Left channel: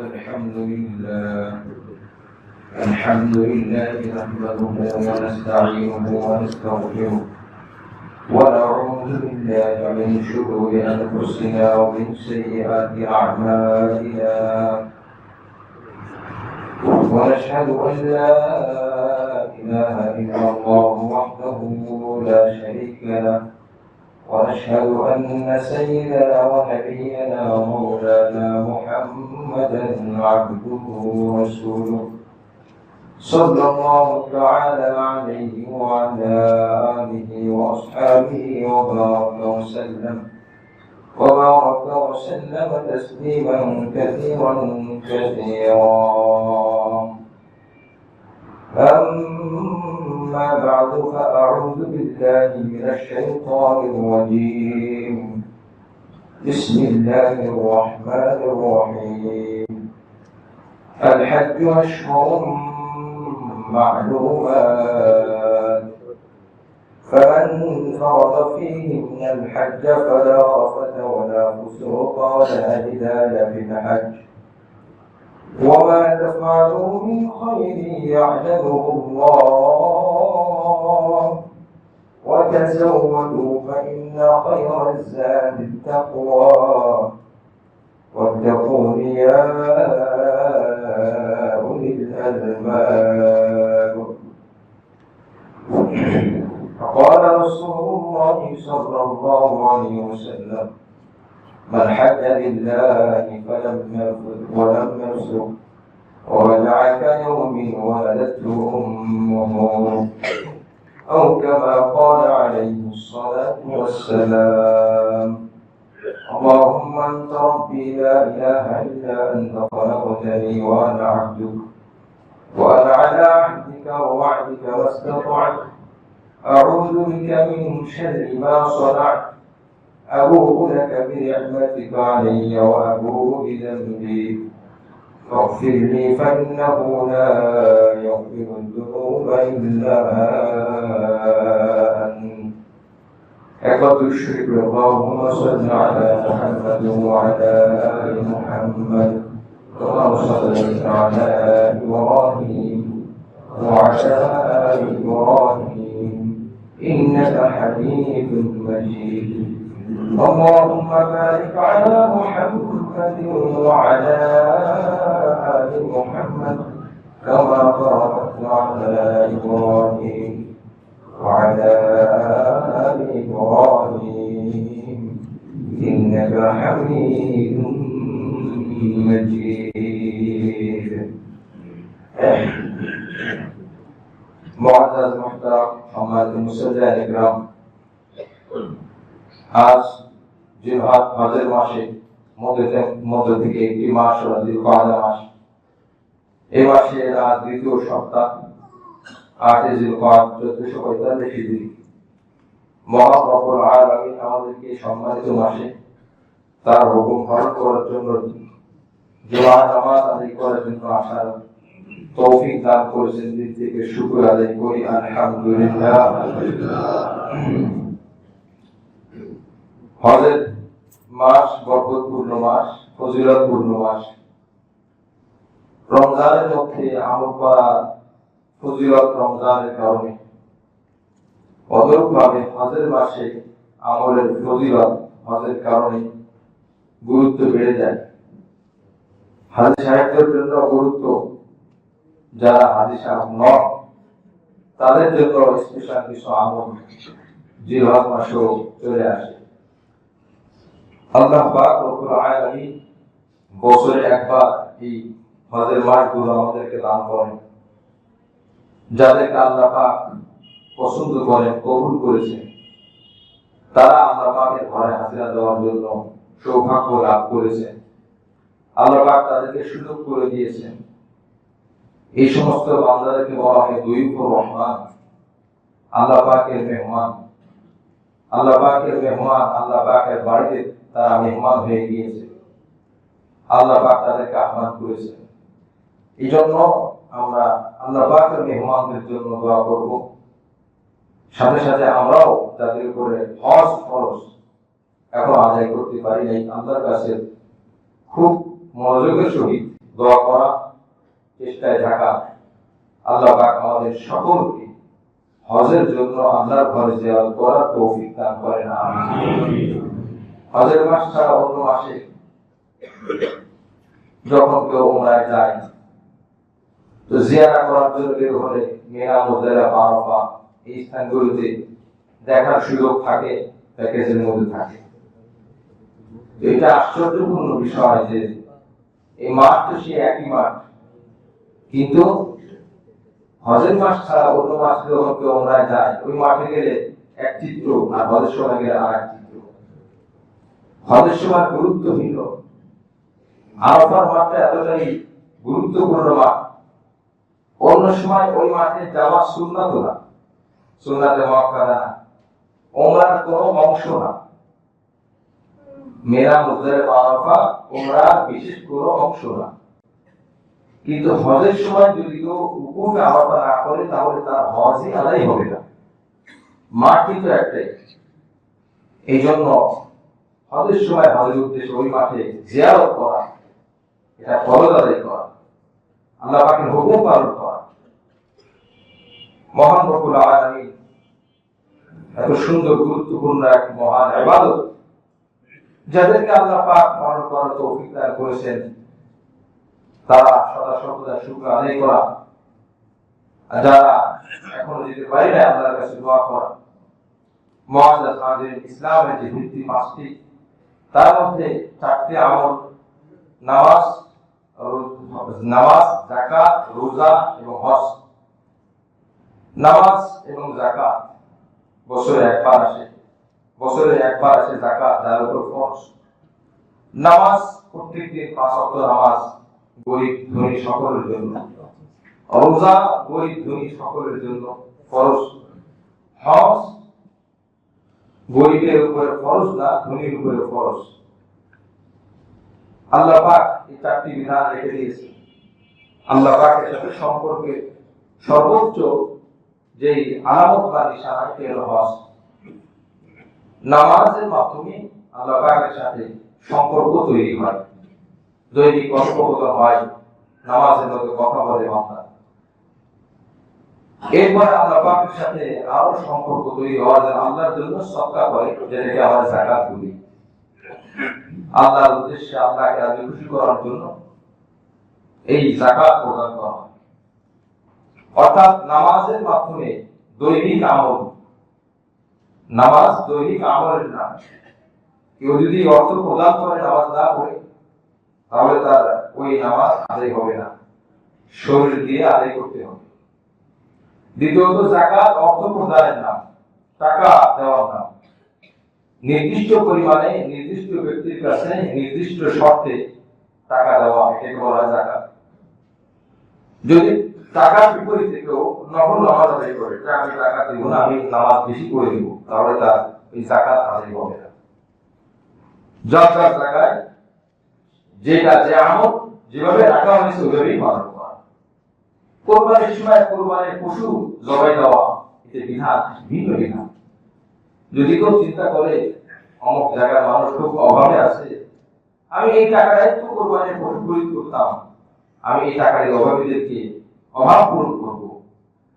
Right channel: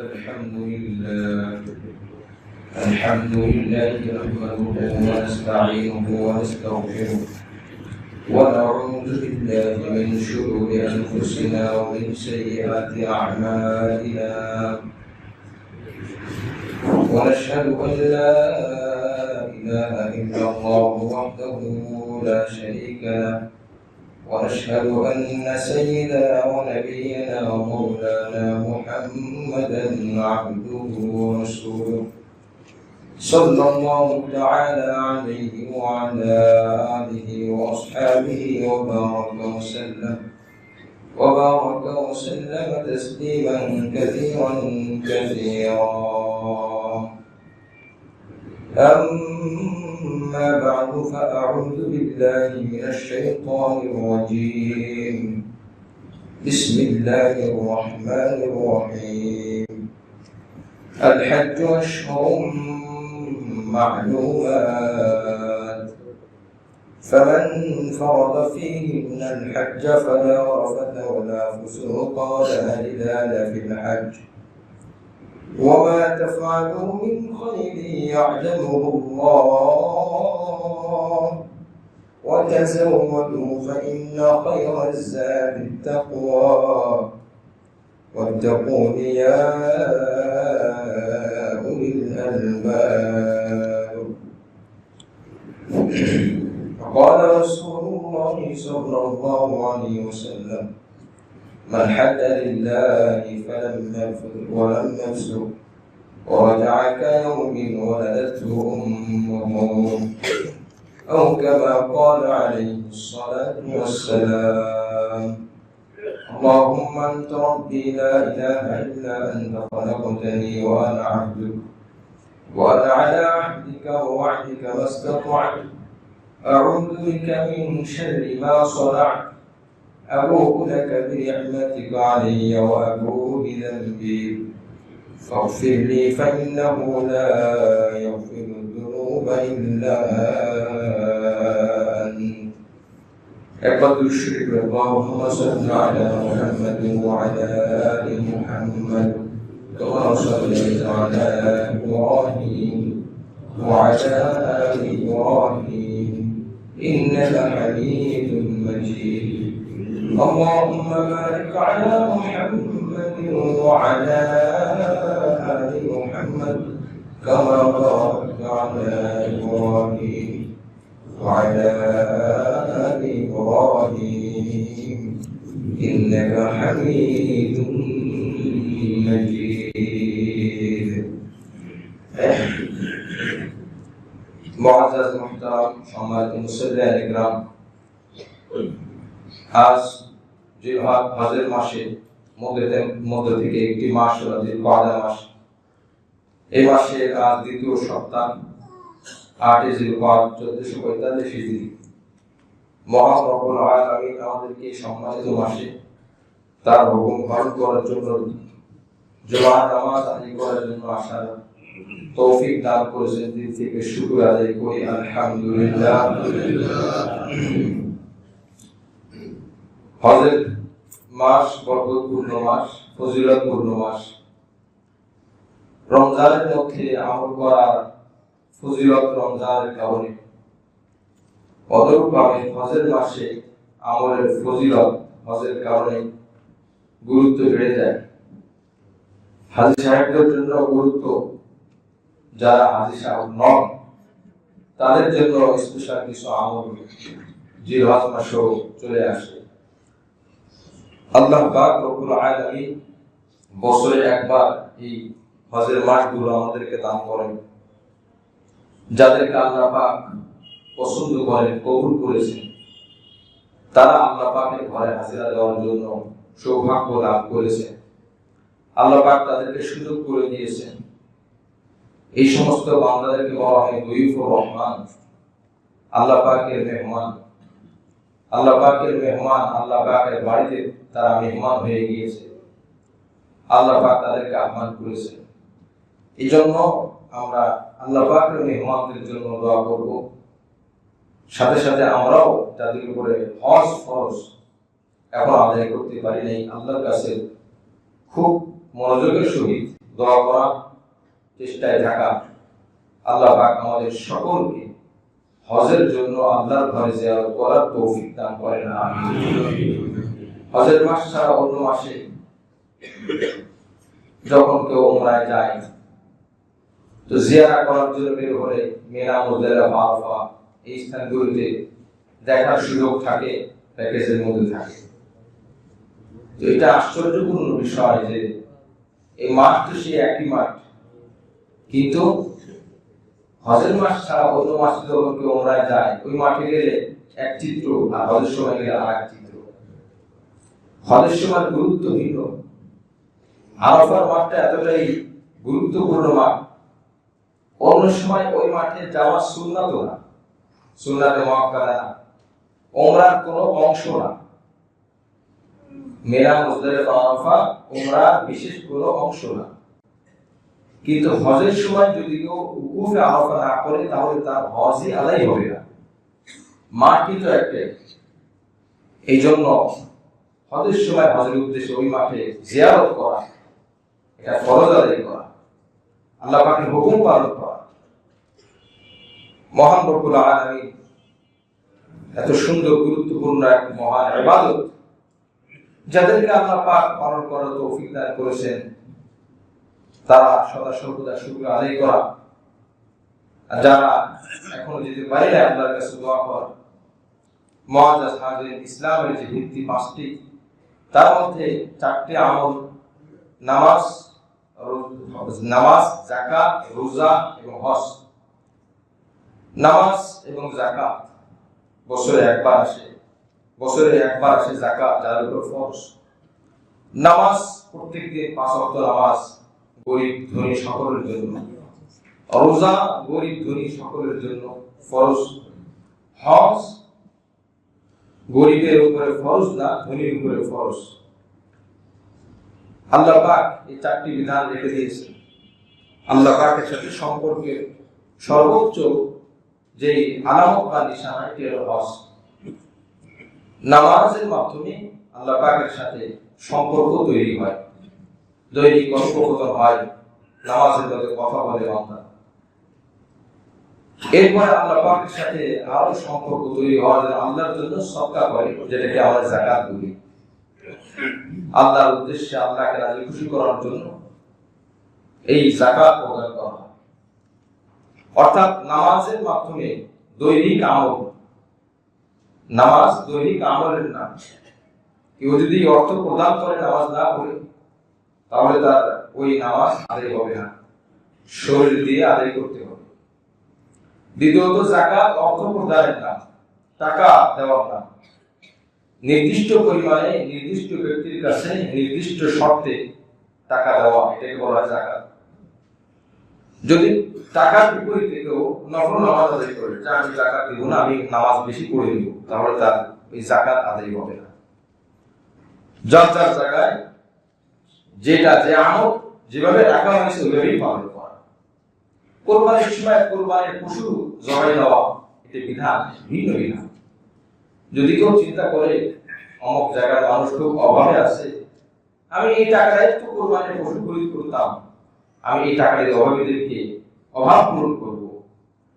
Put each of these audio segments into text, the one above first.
الحمد لله نحمده ونستعينه ونستغفره ونعوذ بالله من شرور أنفسنا ومن سيئات أعمالنا ونشهد أن لا إله إلا الله وحده لا شريك له ونشهد أن سيدنا ونبينا ومولانا محمدا عبده ورسوله صلى الله تعالى عليه وعلى آله وأصحابه وبارك وسلم تسليما كثيرا أما بعد فأعوذ بالله من الشيطان الرجيم بسم الله الرحمن الرحيم الحج أشهر معلومات فمن فرض فيهن الحج فلا رفث ولا فسوق ولا جدال في الحج وما تفعلوا من خير يعلمه الله وتزودوا فإن خير الزاد التقوى واتقون يا أولي الألباب. فقال رسول الله صلى الله عليه وسلم من حج لله ولم يفسق ورجع كيوم ولدته أمه أو كما قال عليه الصلاة والسلام اللهم أنت ربي لا إله إلا أنت خلقتني وأنا عبدك وأنا على عهدك ووعدك ما استطعت أعوذ بك من شر ما صنعت أبوء لك بنعمتك علي وأبوء بذنبي فاغفر لي فإنه لا يغفر الذنوب إلا أنت. أكبر الشرك اللهم صل على محمد وعلى آل محمد كما صليت على إبراهيم وعلى آل إبراهيم إنك حميد مجيد. اللهم بارك على محمد وعلى آل محمد كما باركت على إبراهيم وعلى آل إبراهيم إنك حميد مجيد. معزز محترم সম্মানিত মুসল্লিয়ান ইকরাম, আজ জিলহজ হজের মাসে মধ্য থেকে একটি মাস হলো জিলকআদা মাস। এই মাসে আজ দ্বিতীয় সপ্তাহ 8 জিলকআদা 1445 হিজরি। মহান রব্বুল আলামিন আমাদেরকে সম্মানিত মাসে তার হুকুম পালন করার জন্য জুমার নামাজ আদায় করার জন্য আসার তৌফিক দান করেছেন। দিল থেকে শুকর আদায় করি আলহামদুলিল্লাহ। হজের মাস বরকতপূর্ণ মাস, ফজিলতপূর্ণ মাস। রমজানের মধ্যে আমল করার ফজিলত রমজানের কারণে, অনুরূপভাবে হজের মাসে আমলের ফজিলত হজের কারণে গুরুত্ব বেড়ে যায়। হাজী সাহেবদের জন্য গুরুত্ব, যারা হাজী সাহেব নন তাদের জন্য স্পেশাল কিছু আমল জিলহজ মাসেও চলে আসে। আল্লাহ পাক রব্বুল আলামিন বছরে একবার এই হজের মাসগুলো আমাদেরকে দান করেন। যাদেরকে আল্লাহ পাক পছন্দ করেন, কবুল করেছেন, তারা আল্লাহ পাকের ঘরে হাজিরা দেওয়ার জন্য সৌভাগ্য লাভ করেছেন। আল্লাহ পাক তাদেরকে সুযোগ করে দিয়েছেন। এই সমস্ত বান্দাদেরকে বলা হয় দুইফুর রহমান, আল্লাহ পাকের মেহমান। আল্লাহ পাকের মেহমান, আল্লাহ পাকের বাড়িতে তারা মেহমান হয়ে গিয়েছে। আল্লাহ পাক তাদেরকে আহ্বান করেছেন। এই জন্য আমরা আল্লাহ পাকের মেহমানদের জন্য দোয়া করব। সাথে সাথে আমরাও তাদের উপরে হজ ফরজ এখন আদায় করতে পারি নাই, আল্লাহর কাছে খুব মনোযোগের সহিত দোয়া করা, চেষ্টায় থাকা। আল্লাহ পাক আমাদের সকলকে হজের জন্য আল্লাহর ঘরে জিয়ারত করার তৌফিক দান করেন, আমিন। হজের মাস ছাড়া অন্য মাসে যখন কেউ উমরায় যায় তো জিয়ারা করার জন্য বের হলে মিনা, মুজদালিফা, আরাফা এই স্থানগুলোতে দেখার সুযোগ থাকে, প্যাকেজের মধ্যে থাকে। তো এটা আশ্চর্যপূর্ণ বিষয় যে এই মাঠ তো সে একই মাঠ, কিন্তু হজের মাস ছাড়া অন্য মাসে যখন কেউ উমরায় যায় ওই মাঠে গেলে এক চিত্র আর হজের সময় গেলে আর এক চিত্র। হজের সময় গুরুত্ব ভিন্ন। আরাফার মাঠটা এতটাই গুরুত্বপূর্ণ মাঠ, অন্য সময় ওই মাঠে যাওয়া সুন্নাত না, সুন্নাতে মুআক্কাদা না, উমরার কোনো অংশ না। মিনা, মুজদালিফা, আরাফা উমরার বিশেষ কোনো অংশ না। কিন্তু হজের সময় যদি কেউ উকুফে আরাফা না করে তাহলে তার হজই আদায় হবে না। মাঠ কিন্তু একটাই। এই জন্য হজের সময় হজের উদ্দেশ্যে ওই মাঠে জিয়ারত করা, এটা ফরজ আদায় করা, আল্লাহ পাকের হুকুম পালন করা। মহান রব্বুল আলামিন এত সুন্দর গুরুত্বপূর্ণ এক মহান ইবাদত যাদেরকে আল্লাহ পাক পালন করার তৌফিক দান করেছেন, তারা সদা সর্বদা শুকর আদায় করা, যারা এখনো যেতে পারে না আল্লাহর কাছে দোয়া করা। মুআজ্জাজ হাজির, ইসলামের যে ভিত্তি পাঁচটি, তার মধ্যে চারটি আমল, নামাজ, যাকাত, রোজা এবং হজ। নামাজ এবং যাকাত বছরে একবার আসে যাকাত, যার উপর ফরজ। নামাজ প্রত্যেকদিন 5 ওয়াক্ত নামাজ গরিব ধনী সকলের জন্য, রোজা গরিব ধনী সকলের জন্য ফরজ। হজ গরিবের উপরে ফরজ না, ধনীর উপরে ফরজ। আল্লাহ পাক এই চারটি বিধান রেখে দিয়েছেন। আল্লাহ পাকের সাথে সম্পর্কে সর্বোচ্চ যেই আলামত বা নিশানা এটি হলো হজ। নামাজের মাধ্যমে আল্লাহ পাকের সাথে সম্পর্ক তৈরি হয়, দৈনিক কথোপকথন হয়, নামাজের মধ্যে কথা বলে বান্দা। এরপরে আল্লাহ পাকের সাথে আরো সম্পর্ক তৈরি হওয়ার জন্য আল্লাহর জন্য সদকা করে, যেটাকে আমরা যাকাত বলি। আল্লাহর উদ্দেশ্যে আল্লাহকে রাজি খুশি করার জন্য এই যাকাত প্রদান করা হয়। অর্থাৎ নামাজের মাধ্যমে দৈনিক আমল, নামাজ দৈনিক আমলের নাম। কেউ যদি অর্থ প্রদান করে নামাজ না পড়ে তাহলে তার ওই নামাজ আদায় হবে না, শরীর দিয়ে আদায় করতে হবে। দ্বিতীয়ত যাকাত অর্থ প্রদানের নাম, টাকা দেওয়ার নাম। নির্দিষ্ট পরিমাণে নির্দিষ্ট ব্যক্তির কাছে নির্দিষ্ট শর্তে টাকা দেওয়া, এটাকে বলা হয় যাকাত। যদি টাকার বিপরীতে কেউ নফল নামাজ আদায় করে, যে আমি যাকাত দিব না, আমি নামাজ বেশি করে দিব, তাহলে তার ওই যাকাত আদায় হবে না। যার যার জায়গায় যেটা যে আমল যেভাবে রাখা হয়েছে ওইভাবেই পালন করা। কোরবানির সময় কোরবানির পশু জবাই দেওয়া, এটা বিধান, ভিন্ন বিধান। যদি কেউ চিন্তা করে অমুক জায়গার মানুষ খুব অভাবে আছে, আমি এই টাকায় একটু কোরবানির পশু খরিদ করতাম, আমি এই টাকা দিয়ে অভাবীদেরকে অভাব পূরণ করবো,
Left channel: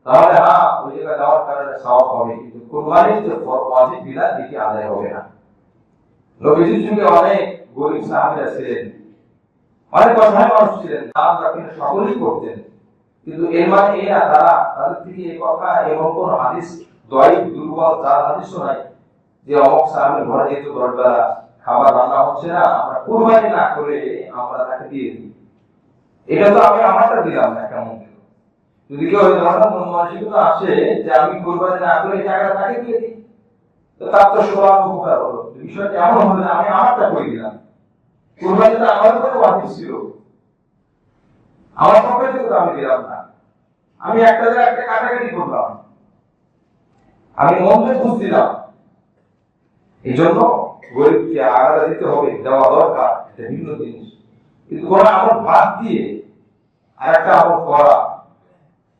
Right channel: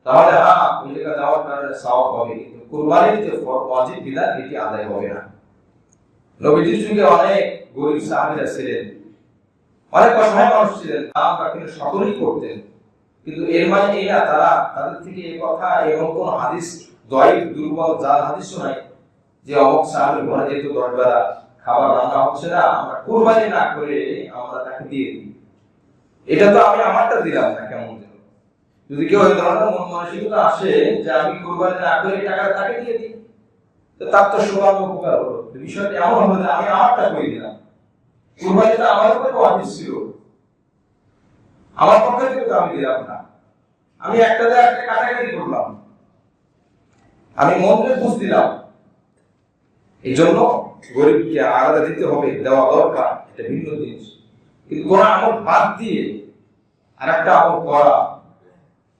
তাহলে হ্যাঁ ওই জায়গায় যাওয়ার কারণে সওয়াব হবে, কিন্তু কোরবানির যে ওয়াজিব বিধান এটি আদায় হবে না। নবীজির যুগে অনেক গরিব সাহাবীরা ছিলেন, অনেক অসহায় মানুষ ছিলেন, দান রাখেন সকলেই করতেন, কিন্তু এর মানে এই না তাদের থেকে এই কথা এমন কোন হাদিস দয়ীফ, দুর্বল, জাল হাদিসও নাই যে অমুক সাহাবীর ঘরে যেহেতু 10 বেলা খাবার রান্না হচ্ছে না, আমরা কুরবানি না করে আমরা তাকে দিয়ে দিই। এটা তো আমি আমারটা দিলাম না, কেমন দিল? যদি কেউ এই ধরনের মন মানসিকতা আসে যে আমি কুরবানি না করে টাকা তাকে দিয়ে দিই, তো তার তো সবার উপকার হলো। বিষয়টা এমন হবে না আমি আমারটা করে দিলাম, কুরবানিটা আমার উপরে ওয়াজিব ছিল, আমার পক্ষে থেকে আমি দিলাম না, আমি একটা কাটাকাটি করলাম, আমি মনকে বুঝ দিলাম। এই জন্য গরিবকে আলাদা দিতে হবে, দেওয়া দরকার, এটা ভিন্ন জিনিস। কিন্তু কোন আমল বাদ দিয়ে আর একটা আমল করা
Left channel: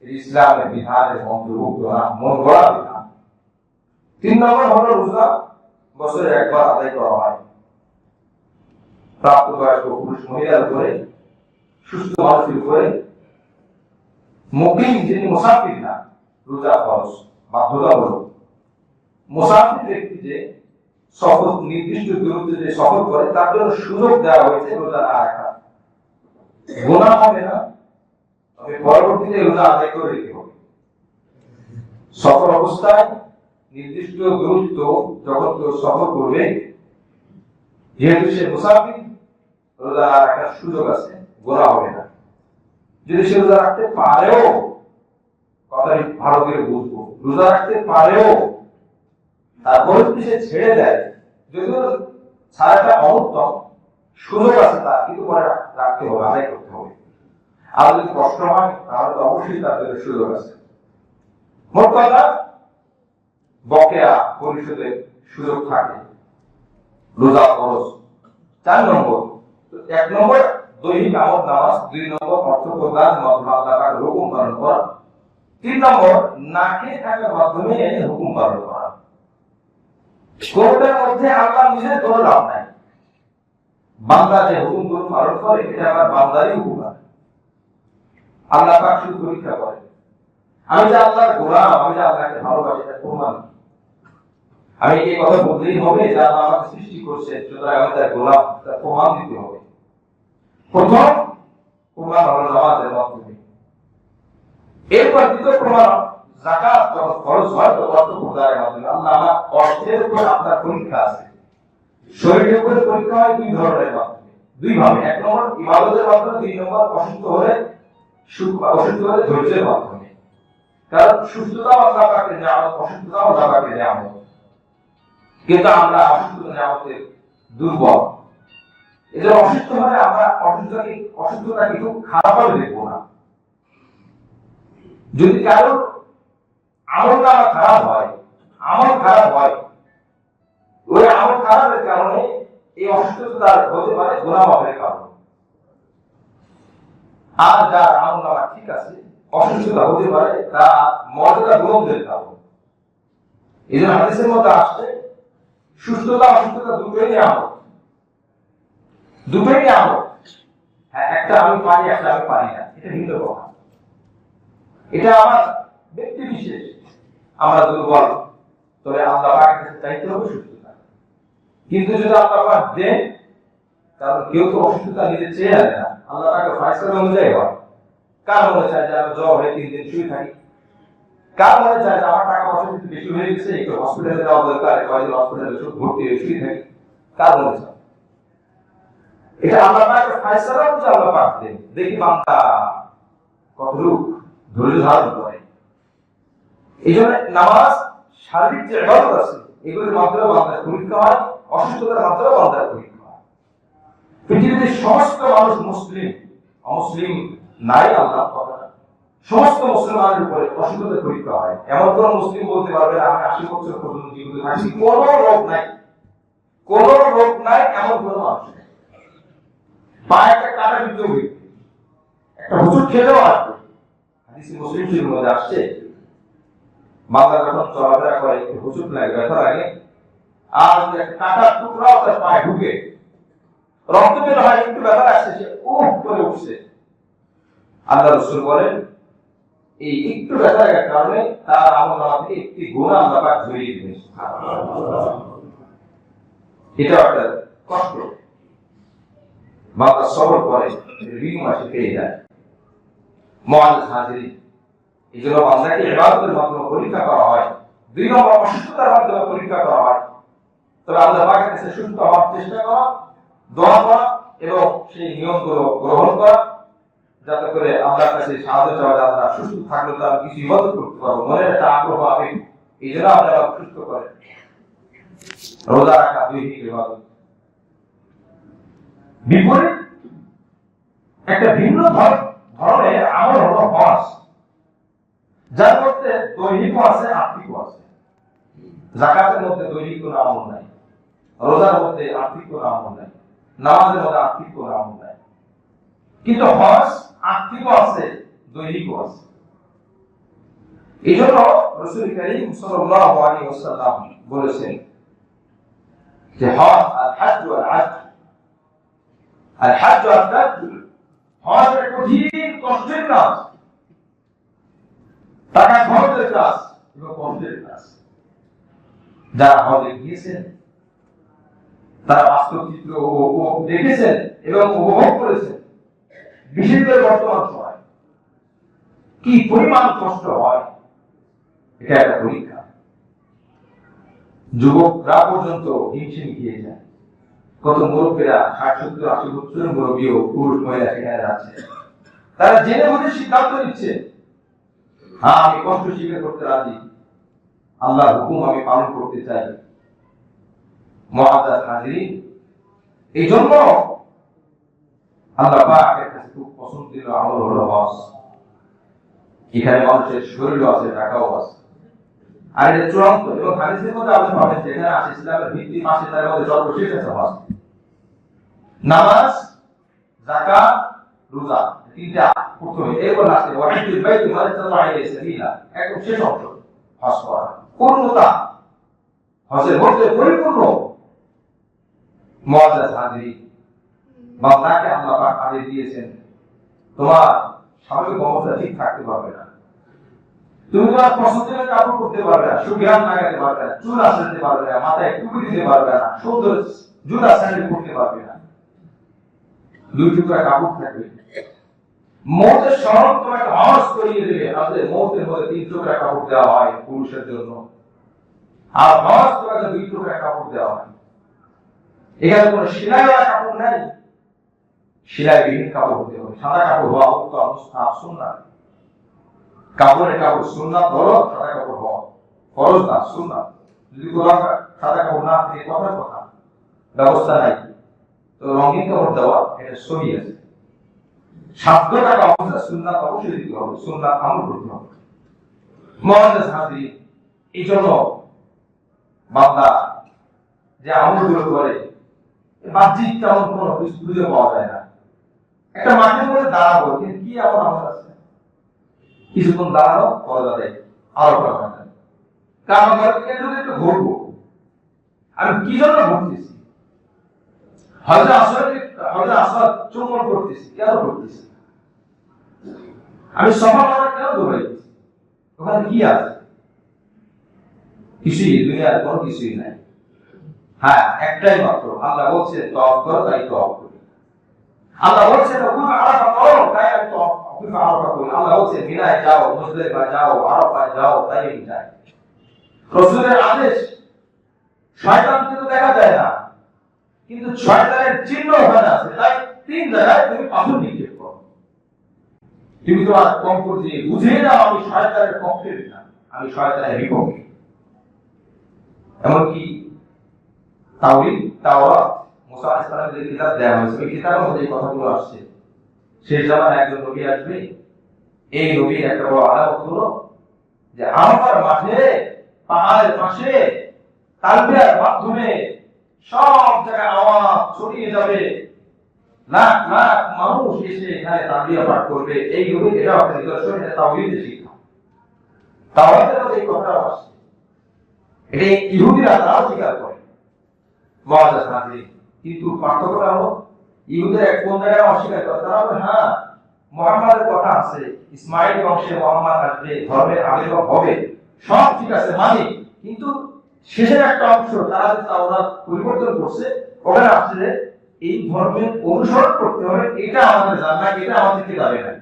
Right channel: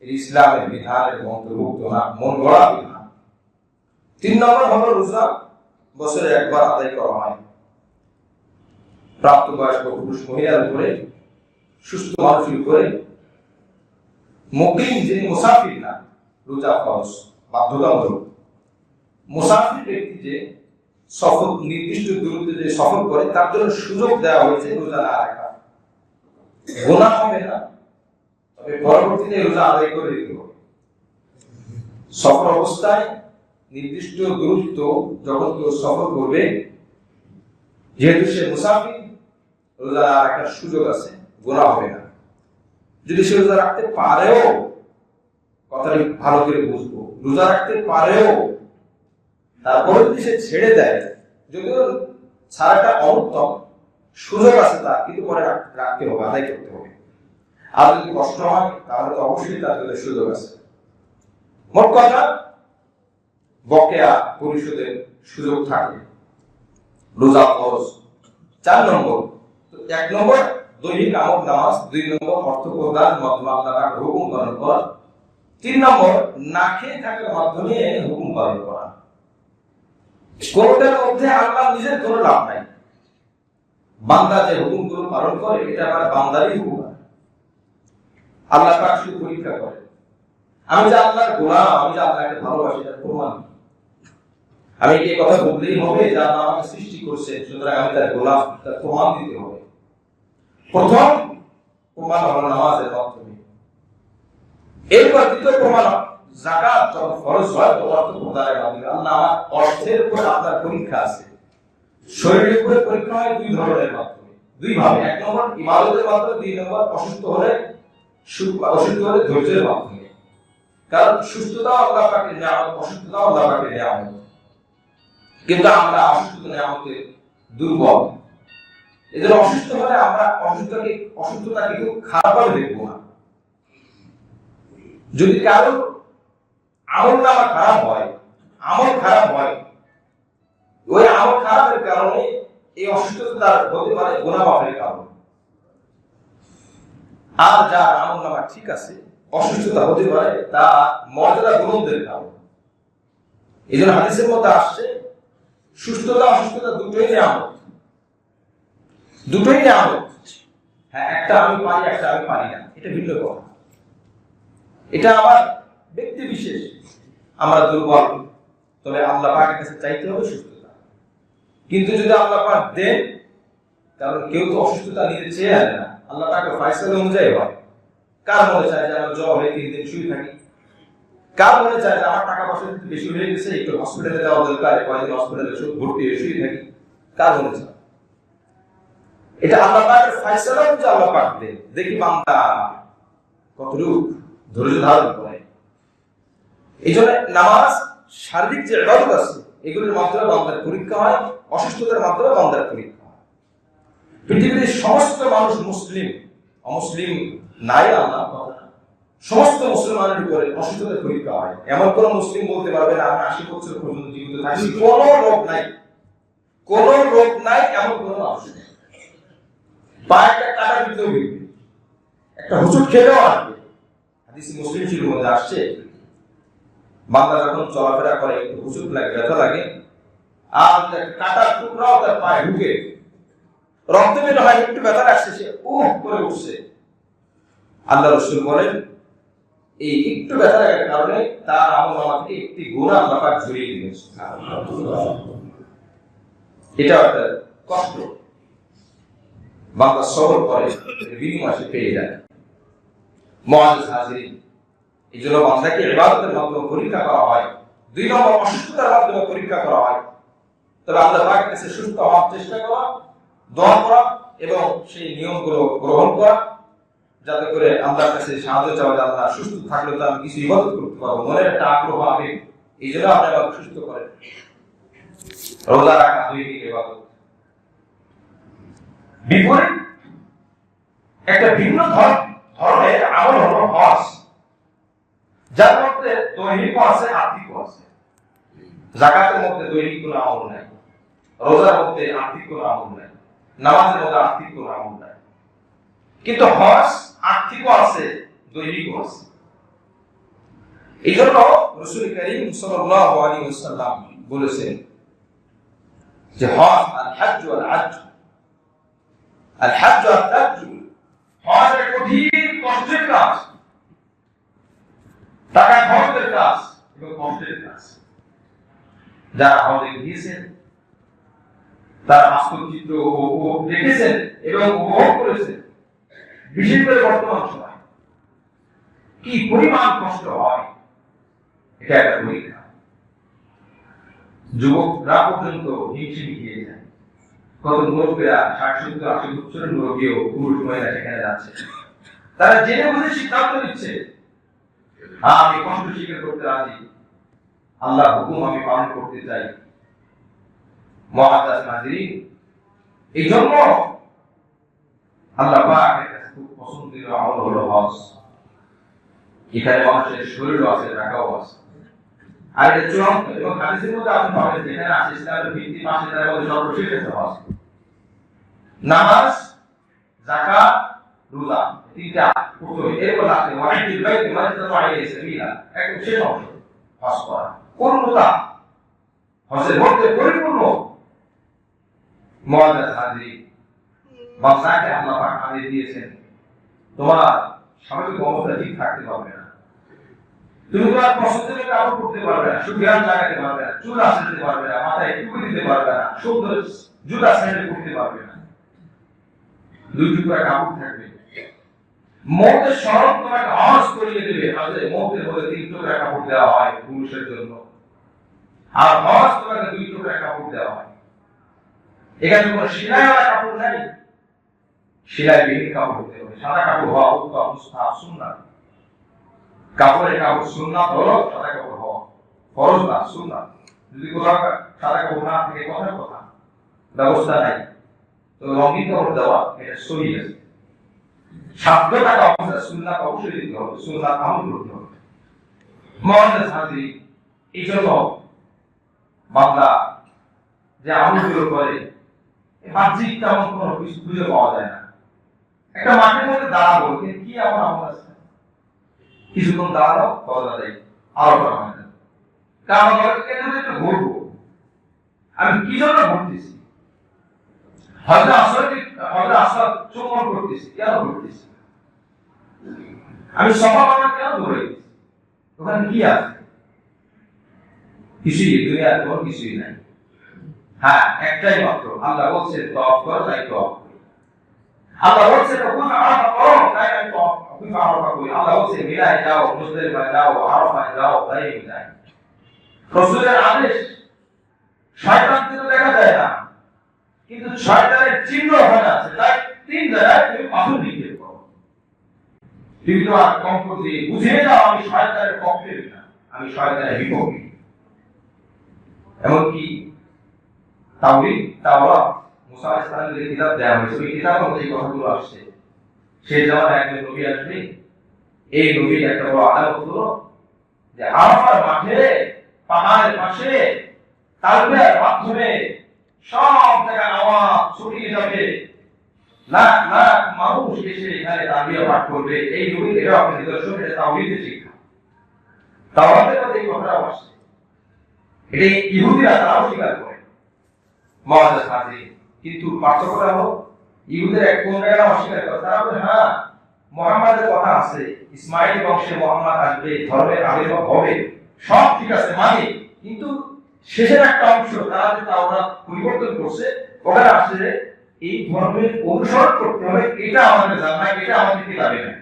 ইসলামের বিধানের অন্তর্ভুক্ত না, মন গড়া বিধান। 3 নম্বর হলো রোজা বছরে একবার আদায় করা হয়। প্রাপ্তবয়স্ক পুরুষ মহিলার উপরে সুস্থ মানুষের উপরে মুকিম যিনি মুসাফির না রোজা ফরজ বাধ্যতামূলক। মুসাফির ব্যক্তি যে সফর নির্দিষ্ট দূরত্বে যে সফর করে তার জন্য সুযোগ দেওয়া হয়েছে রোজা না রাখা। গুনাহ হবে না, তবে পরবর্তীতে রোজা আদায় করে দিতে হবে। সফর অবস্থায় নির্দিষ্ট দূরত্ব যখন কেউ সফর করবে, যেহেতু সে মুসাফির, রোজা রাখার সুযোগ আছে, গুনাহ হবে না। যদি সে রোজা রাখতে পারেও, কথাটি ভালো করে বুঝবো, রোজা রাখতে পারেও তারপরে যদি সে ছেড়ে দেয়, যদিও ছাড়াটা অনুত্তম, সুযোগ আছে তার, কিন্তু পরে রাখতে হবে, আদায় করতে হবে। আর যদি কষ্ট হয় তাহলে তো অবশ্যই তার জন্য সুযোগ আছে। মোট কথা, বকেয়া পরিশোধের সুযোগ থাকে রোজা ফরজ। 4 নম্বর, 1 নম্বর দৈহিক আমল নামাজ, 2 নম্বর অর্থ প্রদান মাধ্যমে আল্লাহর হুকুম পালন করা, 3 নম্বর না খেয়ে থাকার মাধ্যমে হুকুম পালন করা। কোনটার মধ্যে আল্লাহ নিজের কোনো লাভ নাই। বান্দা যে হুকুমগুলো পালন করে এটা আবার বান্দারই হুকুম। আল্লাহ পাক শুধু পরীক্ষা করে। আমি যে আল্লাহর গোলাম, আমি যে আল্লাহকে ভালোবাসি, এটা প্রমাণ। আমি এই কথা বলতেই হবে যে আল্লাহ আমাকে সৃষ্টি করছেন, সুতরাং আমি তার গোলাম, তার প্রমাণ দিতে হবে। প্রথম প্রমাণ হলো নামাজের মাধ্যমে। এরপর দ্বিতীয় প্রমাণ যাকাত যখন ফরজ হয় তখন অর্থ প্রদানের মাধ্যমে। আল্লাহ আমার অর্থের উপর আপনার পরীক্ষা আছে। শরীরের উপর পরীক্ষা হয় 2 ধরনের মাধ্যমে, 2 ভাবে। 1 নম্বর ইবাদতের মাধ্যমে, 2 নম্বর অসুস্থ হলে ধৈর্যের মাধ্যমে। কারণ সুস্থতা আল্লাহ পাকের নিয়ামত, অসুস্থতা আল্লাহ পাকের নিয়ামত। কিন্তু আমরা অসুস্থতা নিয়ামতের দুর্বল। এদের অসুস্থ হলে আমরা অসুস্থতাকে খুব খারাপ ভাবে দেখবো না। যদি কারো আমল নামা খারাপ হয়, ওই আমল খারাপের কারণে এই অসুস্থতা হতে পারে গুনাহ মাফের কারণ। আর যার আমল নামা ঠিক আছে, অসুস্থতা হতে পারে তা মর্যাদা বুলন্দের কারণ। এই জন্য হাদিসের মধ্যে আসছে সুস্থতা অসুস্থতা দুটোই নিয়ামত। হ্যাঁ, একটা আমি পারি, একটা আমি পারি না, এটা ভিন্ন কথা। এটা আমার ব্যক্তি বিশেষ, আমরা দুর্বল, তবে আল্লাহ পাকের কাছে চাইতে হবে সুস্থতা। কিন্তু যদি আল্লাহ পাক দেন, কারণ কেউ তো অসুস্থতা নিতে চেয়ে আনে না, আল্লাহ পাকের ফয়সালা অনুযায়ী হয়। কার মনে চায় যে আমার জ্বর হয়ে 3 দিন শুয়ে থাকি, কার মনে চায় যে আমার টাকা পয়সা বেশি হয়ে গেছে, একটু হসপিটালে যাওয়া দরকার, কয়েকদিন হসপিটালে ভর্তি হয়ে শুয়ে থাকি, কার মনে চায়? এটা আল্লাহ পাকের ফয়সালা অনুযায়ী আল্লাহ পাক দেন। দেখি বান্দা কতটুকু ধৈর্য ধারণ করে। এই জন্য নামাজ, শারীরিক যে ইবাদত আছে, এগুলোর মাধ্যমে বান্দার পরীক্ষা হয়, অসুস্থতার মাধ্যমে বান্দার পরীক্ষা হয়। পৃথিবীর সমস্ত মানুষ মুসলিম, অমুসলিম নাই আল্লাহ কথা, সমস্ত মুসলমানের উপরে অসুস্থতার পরীক্ষা হয়। এমন কোন মুসলিম বলতে পারবে না আমি 80 বছর পর্যন্ত জীবিত থাকি, কোন রোগ নাই, এমন কোন মানুষ নেই। পায়ে একটা কাটা বিদ্ধ হইবে, একটা হুজুর খেলেও আসবে। হাদিসে মুসলিম শরীফের মধ্যে আসছে, বান্দা যখন চলাফেরা করে একটু হুজুর লাগে, ব্যথা লাগে, আর কাটার টুকরাও তার পায়ে ঢুকে রক্ত বের হয়, একটু ব্যথা আসছে, সে করে উঠছে। আল্লাহ রাসূল বলেন এই একটু ব্যথা লাগার কারণে তার আমলনামা থেকে একটি গুনাহ আল্লাহ পাক ঝরিয়ে দিবেন। সুবহানাল্লাহ। এটা একটা কষ্ট, বান্দা সবর করে, বিনিময় সে পেয়ে যায়। মুআজ্জিজ হাজিরিন, এই জন্য বান্দাকে ইবাদতের মাধ্যমে পরীক্ষা করা হয়। 2 নম্বর অসুস্থতার মাধ্যমে পরীক্ষা করা হয়। তবে আল্লাহ পাকের কাছে সুস্থ হওয়ার চেষ্টা করা, দোয়া করা এবং সেই নিয়মগুলো গ্রহণ করা, যাতে করে আল্লাহর কাছে সাহায্য চাওয়া যায়। আল্লাহ সুস্থ থাকলে তো আমি কিছু ইবাদত করতে পারবো, মনের একটা আগ্রহ হবে। এই জন্য আপনারা সুস্থ করেন। রোজা রাখা দৈহিক ইবাদত। বিপরীত একটা ভিন্ন ধরনের আমল হলো হজ, যার মধ্যে দৈহিক আছে, আত্মিক আছে। যাকাতের মধ্যে দৈহিক কোনো আমল নাই, রোজার মধ্যে আত্মিক কোনো আমল নাই, নামাজের মধ্যে আত্মিক কোনো আমল নাই। কিন্তু হজ আত্মিকও আছে, দৈহিকও আছে। এই জন্য রাসূল কারীম সাল্লাল্লাহু আলাইহি ওয়াসাল্লাম বলেছেন যে হজ আল হজ্জ ওয়াল আজ, আল হজ্জ ওয়াল হজ্জ, হজ কঠিন কষ্টের কাজ, টাকা খরচের কাজ এবং কষ্টের কাজ। যারা হজে গিয়েছেন তারা বাস্তব চিত্র দেখেছেন এবং উপভোগ করেছেন। বিশেষ করে বর্তমান সময় কি পরিমাণ কষ্ট হয়, এটা একটা পরীক্ষা। যুবকরা পর্যন্ত হিমশিম খেয়ে যায়। কত মুরব্বীরা 60-70-80 বছরের মুরব্বীও পুরুষ মহিলা সেখানে যাচ্ছে। তারা জেনে বুঝে সিদ্ধান্ত নিচ্ছে, হ্যাঁ আমি কষ্ট স্বীকার করতে রাজি, আল্লাহর হুকুম আমি পালন করতে চাই। মুআজ্জাজ হাজিরিন, এই জন্য আল্লাহ পাকের কাছে খুব পছন্দের আমল হলো হজ। এখানে মানুষের শরীর আছে, টাকাও আছে। আর এটা চূড়ান্ত এবং হাদিসের মধ্যে আপনি পাবেন যেখানে আছে ইসলামের ভিত্তি মাসে তার মধ্যে সর্বশেষ আছে হজ। নামাজ, যাকাত, রোজা, তিনটা প্রথমে, এরপর লাস্টে ওয়াহিদুল বাইত মান ইসতাতা ইলাইহি সাবিলা, একদম শেষ অংশ হজ করা। পূর্ণতা হজের মধ্যে পরিপূর্ণ। মুআজ্জাজ হাজিরিন, বান্দাকে আল্লাহ পাক আদেশ দিয়েছেন, তোমার স্বাভাবিক অবস্থা ঠিক থাকতে পারবে না, তুমি তোমার পছন্দের কাপড় পরতে পারবে না, সুগান লাগাতে পারবে না, চুল আঁচড়াতে পারবে না, মাথায় টুপি দিতে পারবে না, সুন্দর জুতা স্যান্ডেল পরতে পারবে না, 2 টুকরা কাপড় থাকবে। মওতের শরৎ তোমাকে হজ করিয়ে দেবে। আসলে মওতের মধ্যে 3 টুকরা কাপড় দেওয়া হয় পুরুষের জন্য, আর হজ তোমাকে 2 টুকরা কাপড় দেওয়া হয়। এখানে কোনো সেলাইওয়ালা কাপড় নাই, সেলাইবিহীন কাপড় হতে হবে। সাদা কাপড় হওয়া উত্তম, মুস্তাহাব, সুন্নাত। কাপড়ের কাপড় সুন্নাত হলো, সাদা কাপড় হওয়া ফরজ না, সুন্নাত। যদি কোথাও সাদা কাপড় না থাকে, কথার কথা, ব্যবস্থা নাই, তো রঙিন কাপড় দেওয়া এটা সহি আছে। 7 টাকা অবশ্যই সুন্নাত অবশ্যই দিতে হবে, সুন্নাত আমল করতে হবে। মুআজ্জাজ হাজিরিন, এই জন্য বান্দা যে আমলগুলো করে বাহ্যিক তেমন কোনো কিছু খুঁজে পাওয়া যায় না। একটা মাঠের মধ্যে দাঁড়াবো, কিন্তু কি এমন আমল আছে? কিছুক্ষণ দাঁড়ানো, ফরজ আদায়, আরো করা হয় না। কারণ একটু ঘুরবো, আমি কি জন্য ঘুরতেছি? হযরত আসওয়াদ চুম্বন করতেছি, কেন করতেছি? আমি সফা করা কেন দৌড়াইতেছি? ওখানে কি আছে? কিছুই, দুনিয়ার কোনো কিছুই নাই। হ্যাঁ, একটাই মাত্র, আল্লাহ বলছেন তওয়াফ করো, তাই তওয়াফ করি। আল্লাহ বলছেন ওকুফ আরাফা করো, তাই আমি ওকুফ আরাফা করি। আল্লাহ বলছেন মিনায় যাও, মুজদালিফায় যাও, আরাফায় যাও, তাই আমি যাই। রাসূলের আদেশ। শয়তানকে তো দেখা যায় না, কিন্তু শয়তানের চিহ্ন ওখানে আছে, তাই 3 জায়গায় তুমি পাথর নিক্ষেপ করো। তুমি তো আর কম করে বুঝিয়ে যাও আমি শয়তানের পক্ষে না, আমি শয়তানের বিপক্ষে। এমনকি তাওরীত, তাওরাত, মুসা আলাইহিস সালামের যে কিতাব দেওয়া হয়েছে, ওই কিতাবের মধ্যে এই কথাগুলো আসছে। সেই জামানায় একজন নবী আসবে, এই নবীর একটা বড় আলামত হলো যে আরাফার মাঠে, পাহাড়ের পাশে তালবিয়ার মাধ্যমে সব জায়গায় আওয়াজ ছড়িয়ে যাবে, লাখ লাখ মানুষ এসে এখানে তালবিয়া পাঠ করবে। এই নবীর এটা একটা নিদর্শন, এটা তাওরীতের শিক্ষা। তাওরাতের মধ্যে এই কথাটা আসছে, এটা ইহুদিরা তারাও স্বীকার করে। মুআজ্জাজ হাজিরিন, কিন্তু পার্থক্যটা হলো ইহুদিরা কোন জায়গায় অস্বীকার করে, তারা বলে হ্যাঁ মুহাম্মাদের কথা আছে, ইসমাঈল বংশে মুহাম্মদ আসবে, ধর্মের আবির্ভাব হবে, সব ঠিক আছে মানি, কিন্তু শেষের একটা অংশ তারা যে তাওরাত পরিবর্তন করছে, ওখানে আসলে এই ধর্মের অনুসরণ করতে হবে, এটা আমাদের জানা, এটা আমাদের কিতাবে নাই।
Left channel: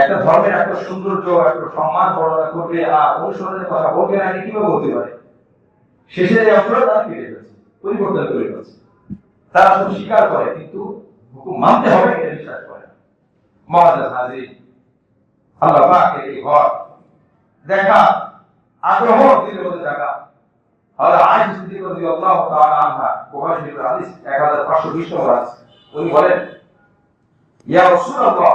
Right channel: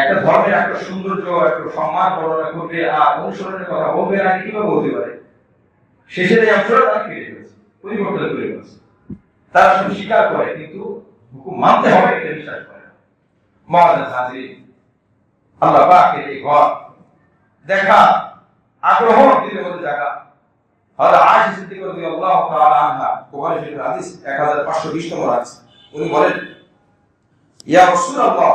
একটা ধর্মের একটা সৌন্দর্য, একটা সম্মান বর্ণনা করবে আর অনুসরণের কথা বলবে না, কিভাবে বলতে পারে? শেষের এই অংশটা তারা কেটে ফেলেছে, পরিবর্তন করে ফেলেছে। তারা সব স্বীকার করে, কিন্তু হুকুম মানতে হবে এটা বিশ্বাস করে না। মুআজ্জাজ হাজিরিন, আল্লাহ পাকের এই ঘর দেখা আগ্রহ দিলের মধ্যে জায়গা। হযরত আয়েশা সিদ্দিকা রাদিয়াল্লাহু তাআলা আনহা, বুখারী শরীফের হাদিস 1520 নম্বর আছে, উনি বলেন ইয়া রাসূলুল্লাহ,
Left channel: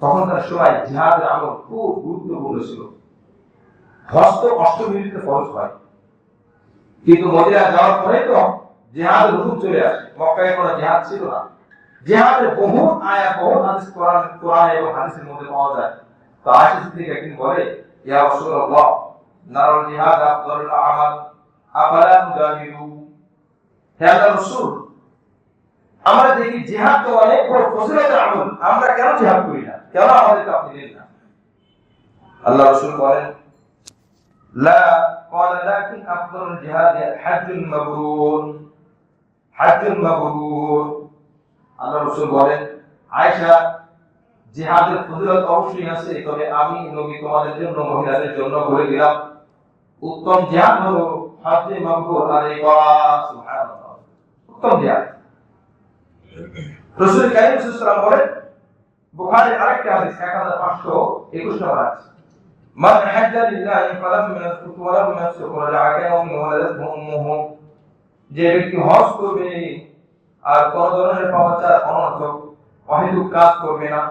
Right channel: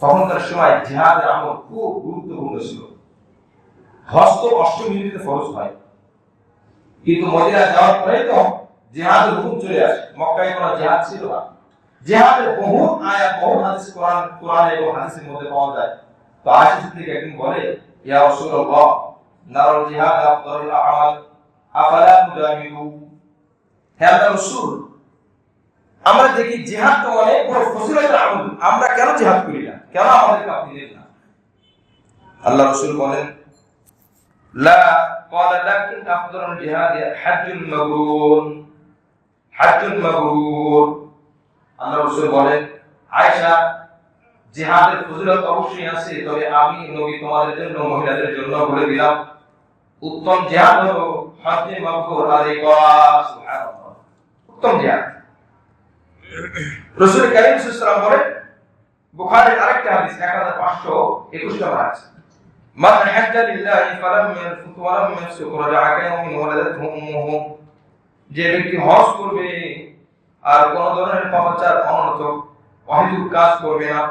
তখনকার সময় জিহাদের আমল খুব গুরুত্বপূর্ণ ছিল। হজ তো অষ্টমীতে ফরজ হয়, কিন্তু মদিনা যাওয়ার পরে তো জিহাদের হুকুম চলে আসে। মক্কায় কোনো জিহাদ ছিল না। জিহাদের বহু আয়াত, বহু হাদিস কোরআন এবং হাদিসের মধ্যে পাওয়া যায়। তো আয়েশা সিদ্দিকা একদিন বলে ইয়া রাসূলুল্লাহ, নারাল জিহাদ আফদালুল আমাল, আফালা নুজামিলু। হে আল্লাহর রাসূল, আমরা দেখি জিহাদ তো অনেক বড় ফজিলতের আমল আমরা কেন জিহাদ করি না, কেন আমাদেরকে আপনি নেন না? আল্লাহ রাসূল বলেন লা ক্বালা লাকিন আফদালুল জিহাদ হাজ্জুল মাবরুর, হাজ্জুল মাবরুর। আল্লাহ রাসূল বলেন আয়েশা, জিহাদের ফজিলত অবশ্যই আছে, তবে আমি নবী তোমাদের জন্য, মহিলাদের জন্য বলে দিলাম উত্তম জিহাদ হলো হজ্জে মাবরুর আদায় করা। সুবহানাল্লাহ, উত্তম জিহাদ। রাসূল কারীম সাল্লাল্লাহু আলাইহি ওয়াসাল্লাম বলেন, বুখারীর আরেকটা হাদিস 1521 নম্বর আছে, মান হাজ্জা লিল্লাহি ফালাম ইয়ারফুত ওয়া লাম ইয়াফসুক রাজা'a কায়াউমিন ওয়ালাদাতহু উম্মুহু, যে ব্যক্তি হজ করবে আর কোন ধরনের পাপাচার, অনর্থক, অহেতুক কাজ করবে না,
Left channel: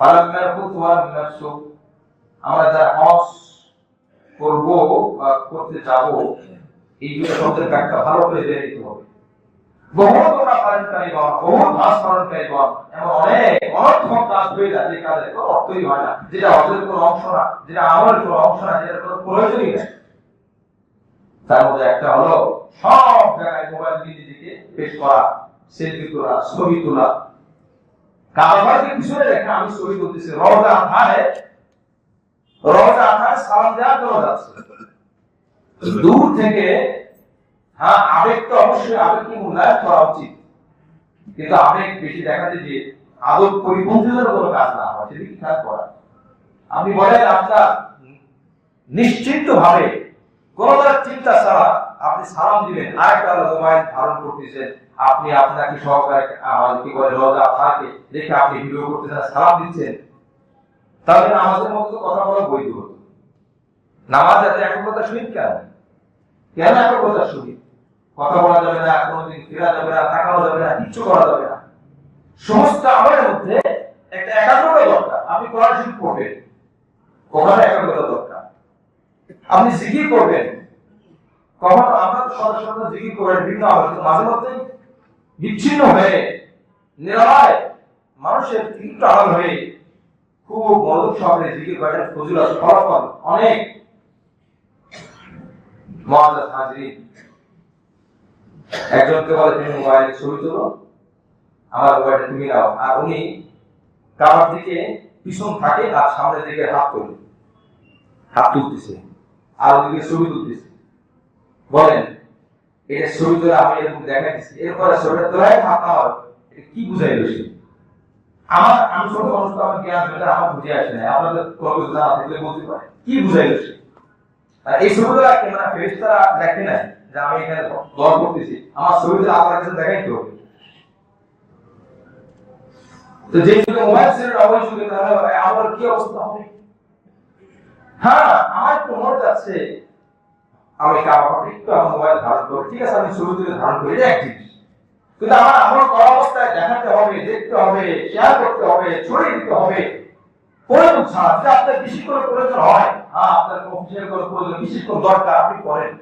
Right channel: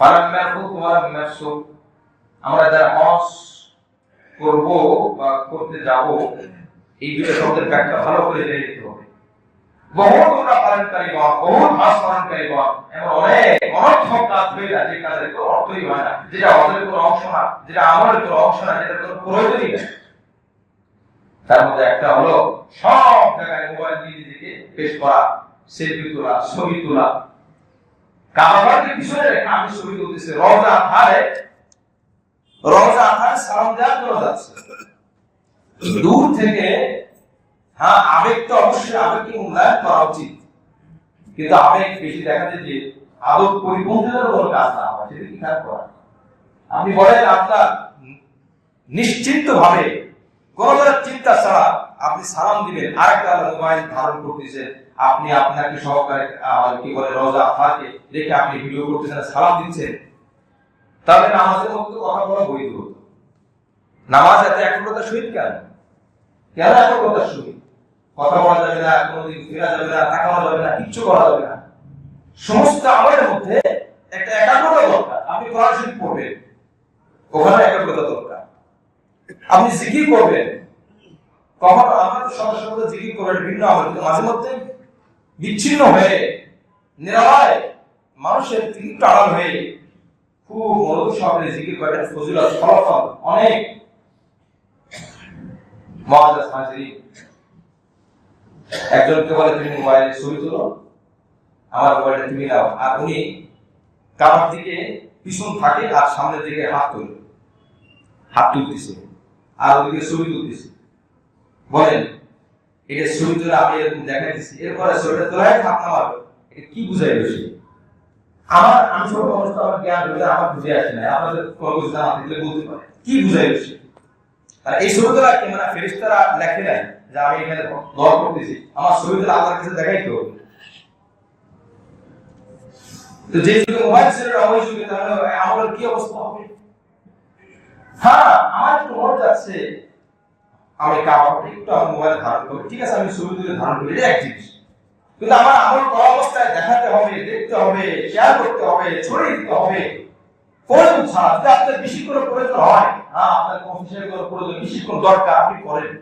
ফালাম ইয়ারফুত ওয়া লাম ইয়াফসুক। আমরা যারা হজ করব বা করতে যাব, এই দুটো শব্দের ব্যাখ্যা ভালো করে জেনে নিতে হবে। বহুত ওরা পালনকারী গণ, বহুত হজ পালনকারী গণ, এমন অনেক অনর্থক কাজ হয়ে যায় যে কাজের কোনো অর্থই হয় না, যেটা হজের কোনো অংশ না, যেটা আমলের কোনো অংশ না, যেটার কোনো প্রয়োজনই নেই। তার মধ্যে একটা হলো সব জায়গায় মোবাইল দিয়ে নিজেকে পেশ করা, সেলফি তোলা, ছবি তোলা, কাবাকে পিছনে রেখে আমি ছবি তুলতেছি, রওজা আথারে সালাম দেওয়ার জন্য যাচ্ছে দূর থেকে। হ্যাঁ, আবেগ তো অবশ্যই আবেগকে মূল্যায়ন করা উচিত, কিন্তু আবেগ বেশি দেখাতে যে আদব পরিপন্থীদের কোনো কাজ না হয়, সেটা কি কাজ করা? আপনি বলেন আপনার নিশ্চিন্ত ভাবে কোন ধরনের চিন্তা ছাড়া আপনি সালাম দিবেন, আরেকটা মোবাইল ধারণ করতেছেন, আপনি আপনাকে সহকারে কি বলে রোজা থাকে দেখে আপনি ভিডিও করতেছেন, সালাম দিচ্ছেন, তাহলে নামাজের মধ্যে কথা বলা বৈধ হতো। নামাজ এত একগ্রতার সহিত কেন? কেন একগ্রতার সহিত? কথা বলা যাবে না, কোনোদিন ফেরা যাবে না, তাকানো যাবে না, কিচ্ছু করা যাবে না। সমস্ত আমলের মধ্যে একটা একাগ্রতা দরকার। আপনি কোরআন শরীফ পড়বেন, ওখানে একাগ্রতা দরকার। আপনি জিকির করবেন, কখন আমরা তো সদা জিকির করবেন ভিন্ন আমল, কিন্তু মাঝে মধ্যে বিচ্ছিন্ন হয়ে নিরালায় মানুষের একটু আড়াল হয়ে খুব মনোযোগ সহকারে জিকির করার ফজিলত, ফলাফল অনেক। মুআজ্জাজ হাজিরিন, একজনকে বলে তুমি মোবাইলে ছবি তোলো, আমার মোবাইলটা তুমি নাও, আর উনি কাবার দিকে পিছন থাকে আর সামনের দিকে হাত তুলতেছে আর ওদিকে ছবি তুলতেছে। বলেন এটা ছবি তোলা আমি এরকম দেখাইতেছি, এরপরে ছবিটা তোলায় হাত নামাবে, এটা কি বুঝাইলো সে? আমি ছোট মানুষ, তো আমার জ্ঞান আমার বুঝে আসে না, আপনাদের কোনো কিছু জানা থাকলে বলতে পারে কি বুঝাইলো সে। আর এই ছবি তোলা কে মানে ফেরেশতারা লেখে নাই যে আমি এখানে দল করতেছি, আমার ছবি তোলা আল্লাহর কাছে দেখাইতে হবে। তো যে যুগে মোবাইল ছিল ওই যুগে তাহলে আমার কি অবস্থা হবে? হ্যাঁ, আমার একটু মনে যাচ্ছে আমি কাবাকে একটু আমার মোবাইল ধারণ করব, ঠিক আছে, আমি ছবি তুলে ধারণ করি, এটা এক জিনিস। কিন্তু আমার আমল করা অবস্থায় দেখাতে হবে, দেখতে হবে, শেয়ার করতে হবে, ছড়িয়ে দিতে হবে প্রয়োজন ছাড়া। যদি আপনার বেশি করে প্রয়োজন হয়, হ্যাঁ আপনার অফিসের কোনো প্রয়োজন, বেশি কোনো দরকার, আপনি করেন,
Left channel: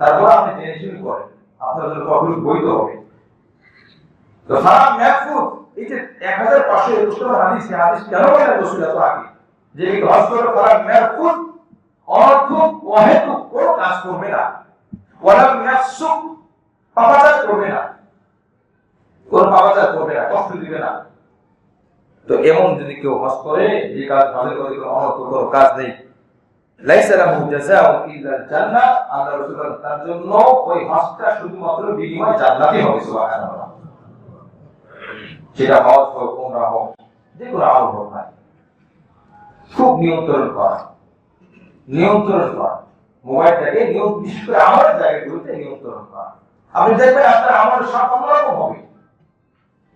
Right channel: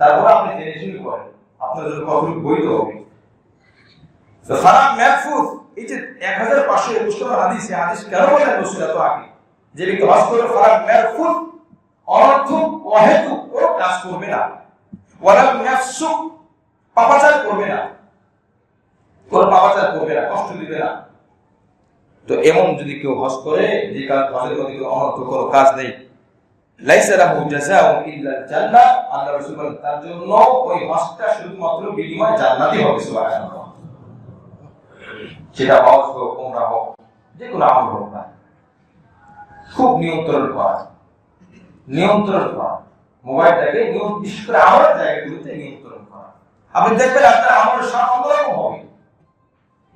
তারপরে আপনি জেনে শুনে করেন, আপনার জন্য কখনো বৈধ হবে। তো সালাম মাহফুজ, এই যে 1521 নম্বর হাদিস, এই হাদিস কেন বলেন রাসূল এত আগে যে ব্যক্তি হজ করে সালাম মাহফুজ, অনর্থক অহেতুক কোনো কাজ করবে না, ওয়ালাম ইয়াফসুক, পাপাচার করবে না, কোনো পাপাচার করবে না, কষ্ট দিবে না। তো এমন যদি কেউ হজ করে যে কাজ হজের মধ্যে কোনো অনর্থক কোনো কাজ নেই, লাইসা লাহু জাযাউন ইল্লাল জান্নাহ, আল্লাহ রাসূল বলেন তার জন্য ওই হজটা শুধুমাত্র বিনিময় জান্নাতই হবে। সুবহানাল্লাহ। সেটা হজ হোক, উমরা হোক, যে কোনো আমল হোক না, খুব নিয়ন্ত্রণ করা, মোবাইলটাকে বিশেষ করে আমাদের জায়গাগুলোতে নিয়ন্ত্রণ করা। আপনি দেখবেন আপনার আমার সব অন্যরকম হবে।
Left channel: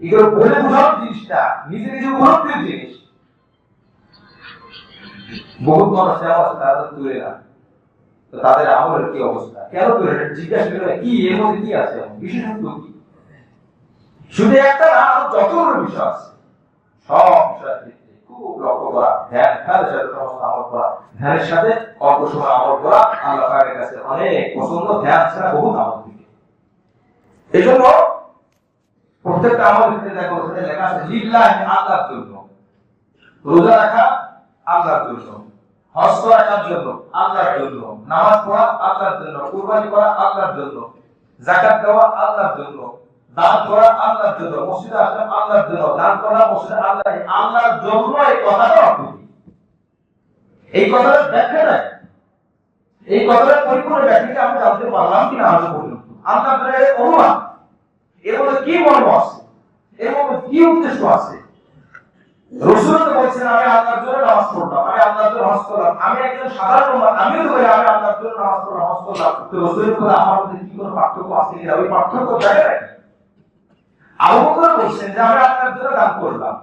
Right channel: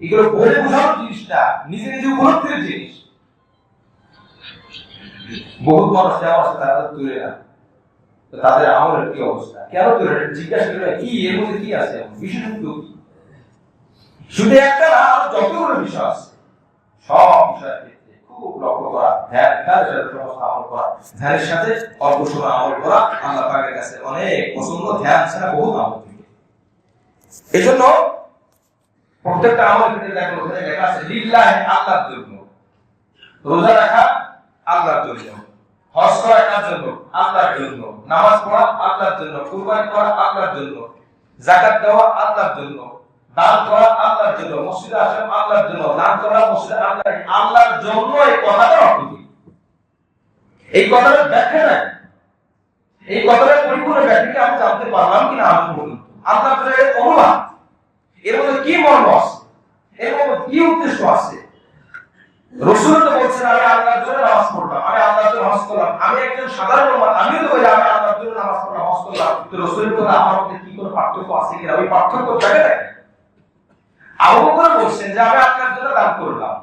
এগুলো বলে বোঝানোর জিনিস না, নিজে নিজে উপলব্ধির জিনিস। বহুত মানুষ যেমন আছে তারা তুলে না, তো তাদের আমলের কি অবস্থা, কেন তুলে না জিজ্ঞাসা করে, কি এর মধ্যে কি আছে, বিশেষত্ব কি? শুধু একটা না, যতগুলো বিষয় আছে, সব বিষয়ের ক্ষেত্রে খুব লক্ষ্য করা, ধ্যানের সাথে সমস্ত আমল করা, ধ্যানের সাথে অল্প সময় আমল করা আল্লাহ পাকের কাছে অনেক পছন্দ। ধ্যান ছাড়া বহুত আমল থাকে। এই জন্য প্রত্যেকটা আমল ক্ষেত্রে দেখো ওখানে লেখা আছে লিল্লাহি, আল্লাহর জন্য। রোজা রাখা আল্লাহর জন্য, হজ করা কার জন্য? আল্লাহর জন্য। নামাজ পড়া আল্লাহর জন্য, কুরবানি করা আল্লাহর জন্য, যাকাত দেওয়া আল্লাহর জন্য, দান করা আল্লাহর জন্য, মসজিদে আসলাম আল্লাহর জন্য, দান করা মসজিদে আল্লাহর জন্য, এই কথাটা অর্থ কি? এই কথাটা ব্যাখ্যা নাই, এই কথাটা পরিপূর্ণ ব্যাখ্যা আমি জানতে পারলাম কিনা আজ পর্যন্ত। আল্লাহর জন্য অনুবাদ, এর মধ্যে কি মর্ম আছে, এর মধ্যে কি উদ্দেশ্য আছে? রাসূল তো বলছেন আমি আল্লাহর জন্য নামাজ পড়লাম, আমি আল্লাহর জন্য হজ করলাম। আমি একজন সাধারণ মানুষ, আমিও তো বলি আমি আল্লাহর জন্য নামাজ পড়লাম, হজ করলাম। তো রাসূলের কথা আমার মধ্যে কি কোনো পার্থক্য আছে কিনা? ওই পার্থক্য জায়গা নাই। আবু বকর বলছেন যে আমি আল্লাহর জন্য দান করলাম,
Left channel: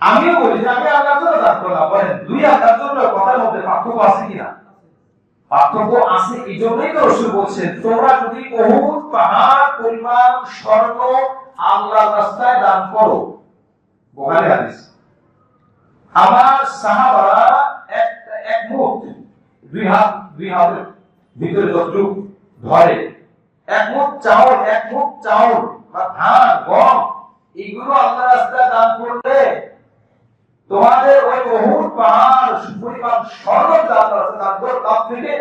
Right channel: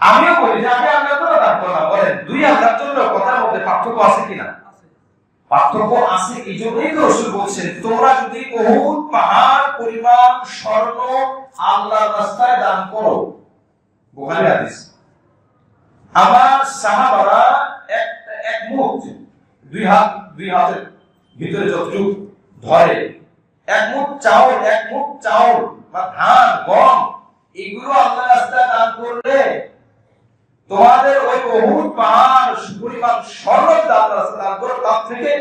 আমিও বলি যে আমি আল্লাহর জন্য দান করলাম। বলেন দুই আল্লাহর জন্য কথার মধ্যে পার্থক্য আছে কিনা? পার্থক্য আছে। এই জন্যই তো রাসূল বলছেন তোমরা যদি উহুদ পাহাড় পরিমাণ স্বর্ণ আল্লাহর রাস্তায় দান করো, বুখারী হাদিস, আমার সাহাবারা এক মুঠ, দুই হাতের ভিতরে যতটুকু ধরে, এক মুঠ চাউল বা ধান গম, এগুলো আল্লাহর রাস্তায় দান করলে তোমাদের ওই উহুদ পাহাড় পরিমাণ স্বর্ণ আল্লাহর রাস্তায় দান করো, তার থেকে